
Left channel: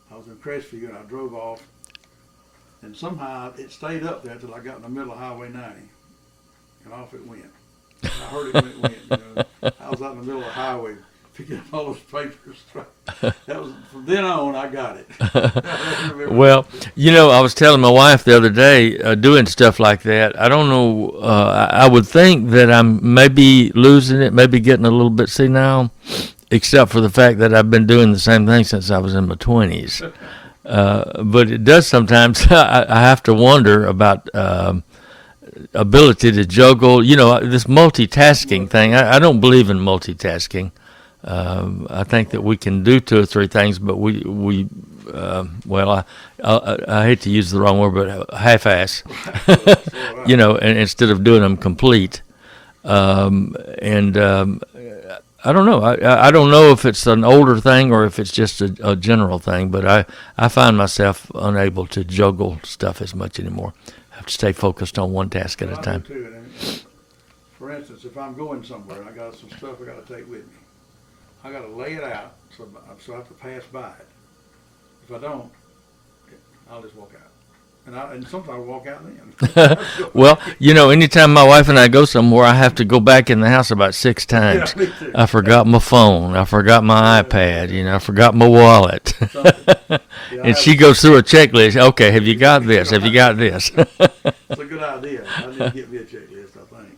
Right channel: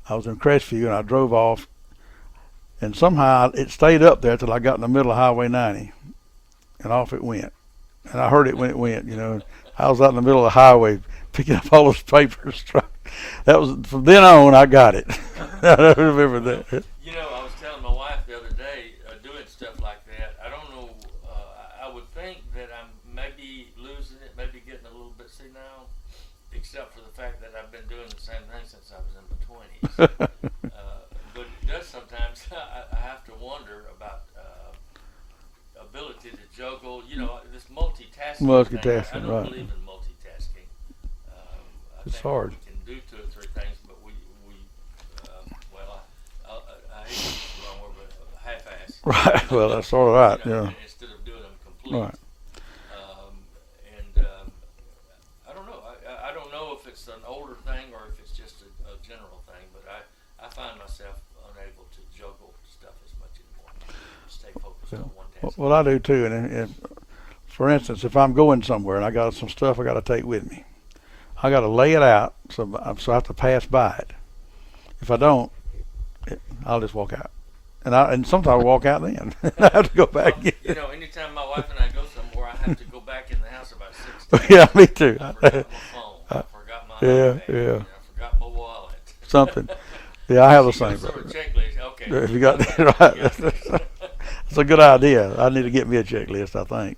I was in Crestview, and I drove off, and somehow it stayed up there till I got in the middle of Highway 90, and off it went. And I heard it when it went. I was out in the middle of the highway picking up all those papers. That was from then on. I got it. I remember Well, that. I was telling my wife the other day, doing stuff like that. I don't know. I would think that I'm maybe losing it, maybe getting a little bit senile, except for the fact that I've been doing the same thing since I was in my 20s. But it does sometimes. I have to wonder about ability to juggle. This multitasking thing. I don't believe in multitasking. I think that we can do 2 or 3 things, but I hate to use the wrong word, but half-ass. Right. Well, that's all right. And instead of doing them complete. Right. I don't know. I don't know if it's an older thing or if it's just a general thing, but I find myself unable to juggle stuff as much anymore. I have to stay focused on one task at a time. Well, I do too. And for instance, if I'm going somewhere and I got some stuff I got to take with me, I got to lay it out so I have to pass by it. If I don't, I'll just walk out. And sometimes I walk out then. I have to go back. Well, anytime my wife and I go somewhere, I have to go back in the house about 6 times. Yeah, me too. I forgot my phone. I forgot my iPad. Yeah. I forgot my wallet. Something. Yeah, and she goes through a checklist. Okay, have you got this? Have you got this? It's a good idea. I need to get me a checklist, I think.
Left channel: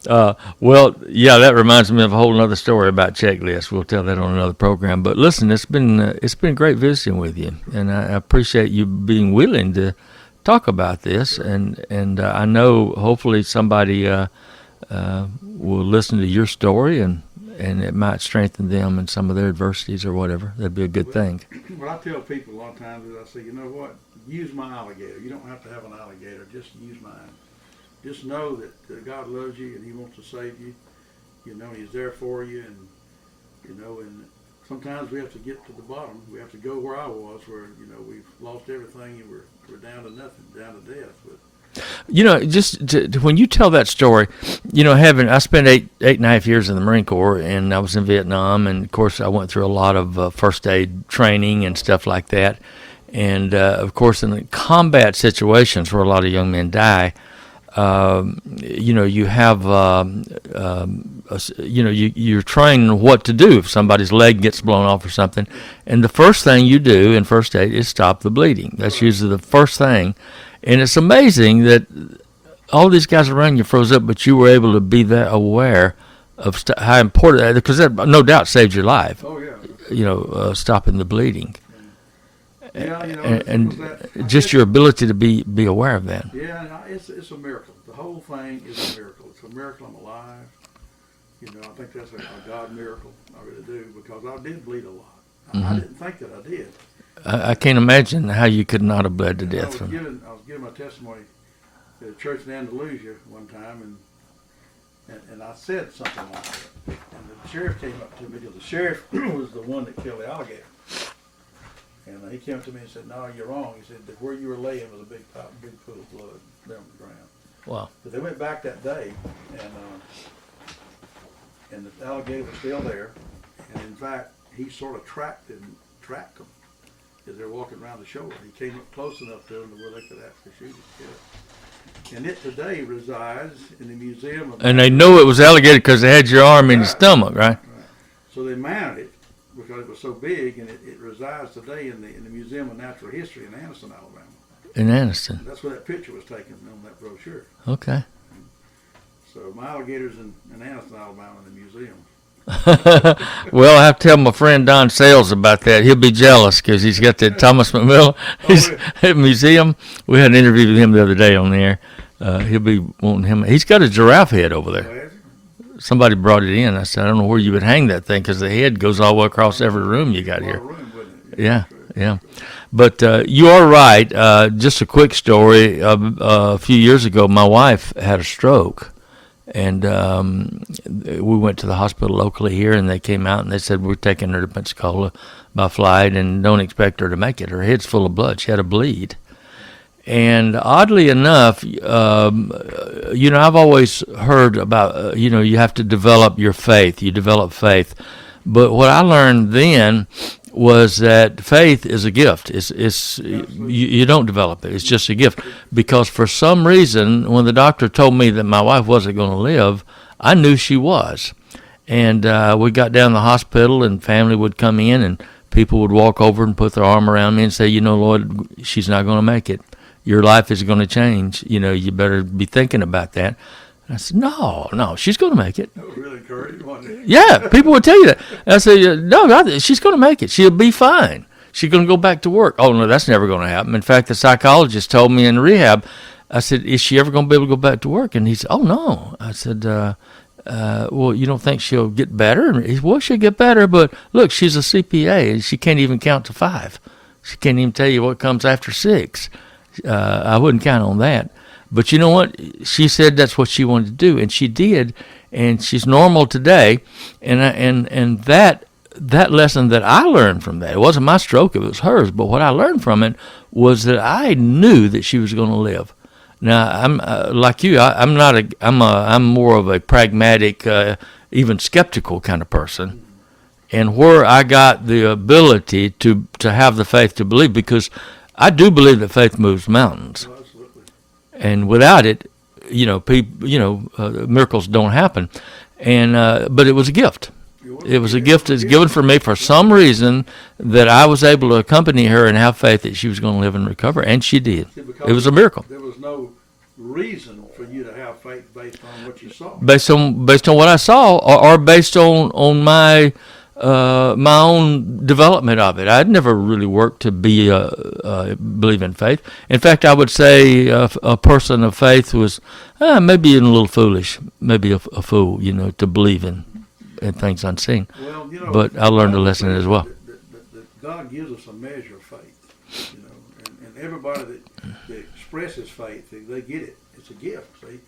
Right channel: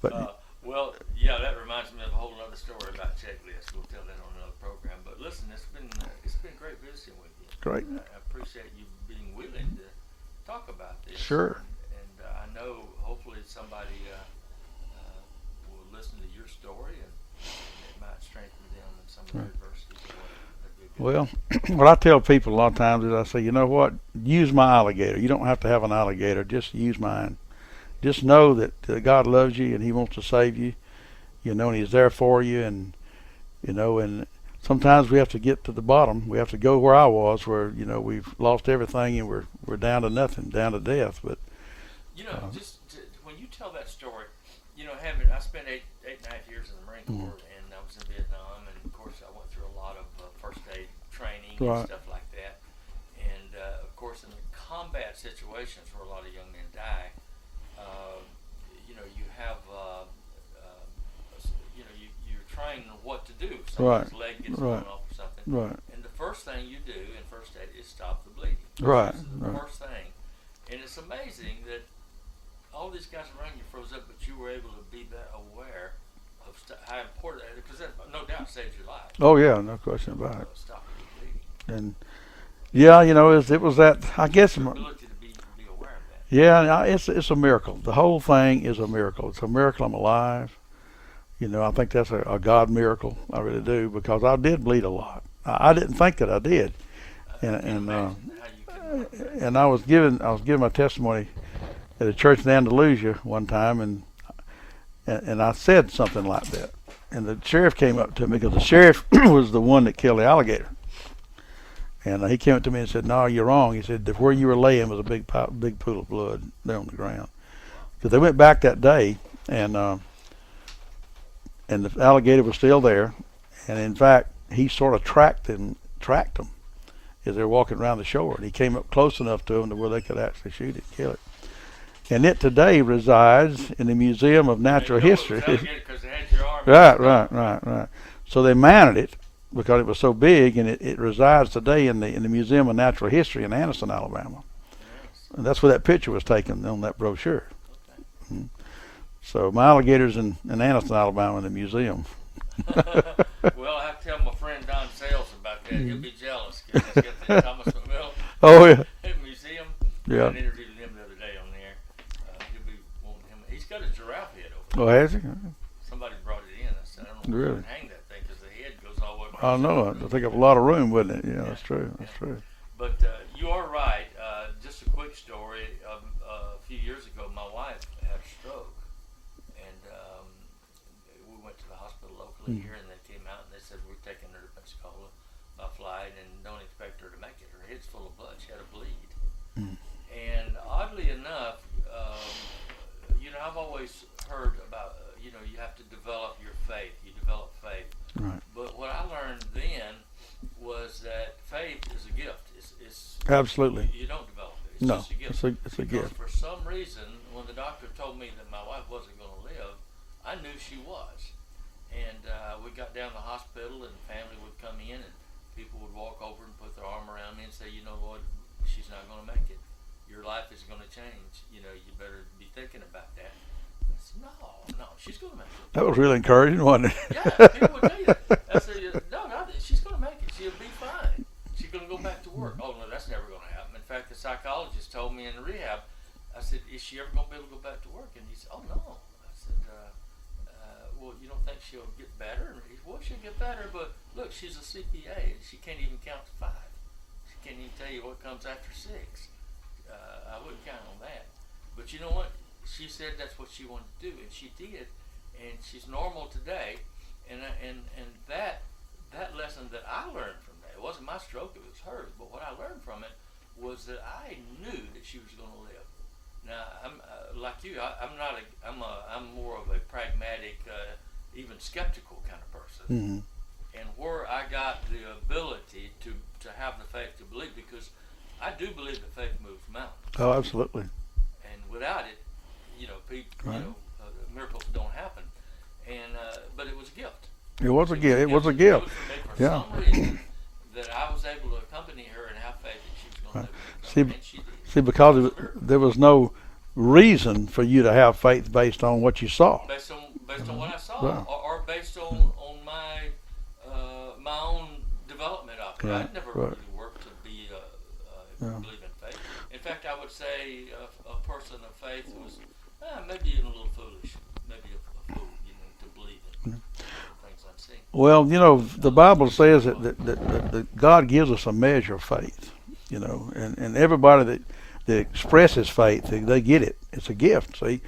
That reminds me of a whole other story about checklists. We'll tell that on another program. But listen, it's been great visiting with you, and I appreciate you being willing to talk about this. Sure. And I know hopefully somebody will listen to your story, and it might strengthen them in some of their adversities or whatever. That'd be a good thing. What I tell people a lot of times is I say, you know what? Use my alligator. You don't have to have an alligator. Just use mine. Just know that God loves you and He wants to save you, and He's there for you, and sometimes we have to get to the bottom. We have to go where I was, where we've lost everything and we're down to nothing, down to death. But when you tell that story, I spent eight and a half years in the Marine Corps, and I was in Vietnam, and of course I went through a lot of first aid training and stuff like that, and of course in the combat situations where a lot of young men die. You have, you're trained what to do if somebody's leg gets blown off or something. Yeah. And the first thing you do in first aid is stop the bleeding. That's usually the first thing. And it's amazing that all these guys around you froze up, but you were able to be that aware of how important that is, because that no doubt saved your life. Oh, yeah. No, stopping the bleeding. And, it was that. Just your ability to be aware of that. Yeah, it's a miracle. The whole thing is a miracle. It's a miracle I'm alive. I think that's a God miracle. I really do, because I did bleed a lot. I didn't think that I did. I can't imagine how you could not have bled to death. And I was giving my testimony at a church in Andalusia one time, and I said something like that. And the sheriff came up to me, because the sheriff was the one that killed the alligator. And he came up to me and said, "No, you're wrong." He said, "Where you were laying was a big pool of blood there on the ground." Wow. Because they went back that day, and the alligator was still there, and in fact, he sort of tracked them as they were walking around the shore. And he came up close enough to them to where they could actually shoot it, kill it. And it today resides in the Museum of Natural And they know History. it was alligator because they had your arm in your stomach, right? So they mounted it because it was so big, and it resides today in the Museum of Natural History in Anniston, Alabama. In Anniston. And that's where that picture was taken on that brochure. Okay. So my alligator's in Anniston, Alabama, in the museum. Well, I have to tell my friend Don Sales about that. He'll be jealous because he's got that Thomas McMillan museum. We had an interview with him the other day on there. He'll be wanting him. He's got a giraffe head over there. Oh, has he? Somebody brought it in. I said, I don't know where you would hang that thing, because the head goes all the way across every room you got. A lot of room, wouldn't it? Yeah, true, yeah. true. But you are right. Just a quick story. A few years ago, my wife had a stroke, and we went to the hospital locally here, and they came out and they said, we're taking her to Pensacola by flight and don't expect her to make it. Her head's full of blood. She had a bleed. And oddly enough, I've always heard about, you have to develop your faith. You develop faith. But what I learned then was that faith is a gift. It's Absolutely. you don't develop it. It's just a gift. Because for some reason, when the doctor told me that my wife wasn't going to live, I knew she was. And we got down to the hospital, and family would come in, and people would walk over and put their arm around me and say, Lloyd, she's not going to make it. Your life is going to change. You better be thinking about that. And I said, no, she's going to make it. That was really encouraging, wasn't it? Yeah, people would tell you that. And I said, no, she's going to make it. She'll be fine. She's going to go back to work. Oh, no, that's never going to happen. In fact, the psychologist told me in rehab, I said, is she ever going to be able to go back to work? And he said, oh, no. I said, well, you don't think she'll get better? And he said, well, she'll get better, but look, she's a CPA, and she can't even count to 5. She can't even tell you what comes after 6. I wouldn't count on that. But you know what? She said that's what she wanted to do, and she did, and she's normal today. And that lesson that I learned from that, it wasn't my stroke, it was hers, but what I learned from it was that I knew that she was going to live. Now, I'm like you. I'm more of a pragmatic, even skeptical kind of person. Mm-hmm. And where I got the ability to have the faith to believe, because I do believe that faith moves mountains. Oh, absolutely. And without it, miracles don't happen. And but it was a gift. It was a gift that's given for me for some reason, that I was able to accompany her and have faith that she was going to live and recover, and she did. See, because it was a miracle. There was no reason for you to have faith based on what you saw. Based on what I saw, or based on my my own development of it. I'd never really worked to be believe in faith. In fact, I would say a person of faith was maybe a little foolish, maybe a fool, to believe in things unseen. Well, but I learned a lesson as well. That God gives us a measure of faith, and everybody that expresses faith, they get it. It's a gift, see,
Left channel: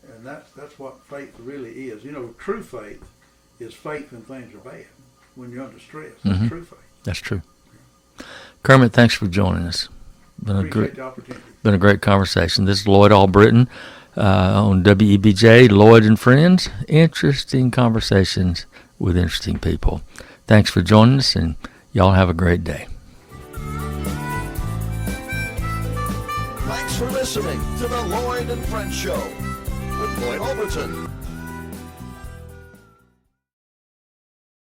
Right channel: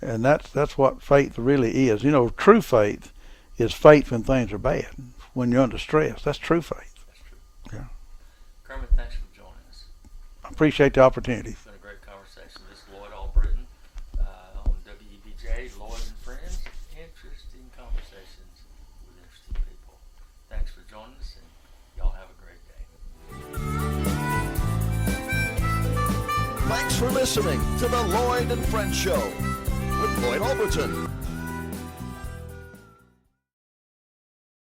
and that's what faith really is. True faith is faith when things are bad, when you're under stress. That's true faith. That's true. Yeah. Kermit, thanks for joining us. I appreciate the opportunity. Been a great conversation. This is Lloyd Albritton on WEBJ, Lloyd and Friends. Interesting conversations with interesting people. Thanks for joining us, and y'all have a great day. Thanks for listening to the Lloyd and Friends Show with Lloyd Albritton.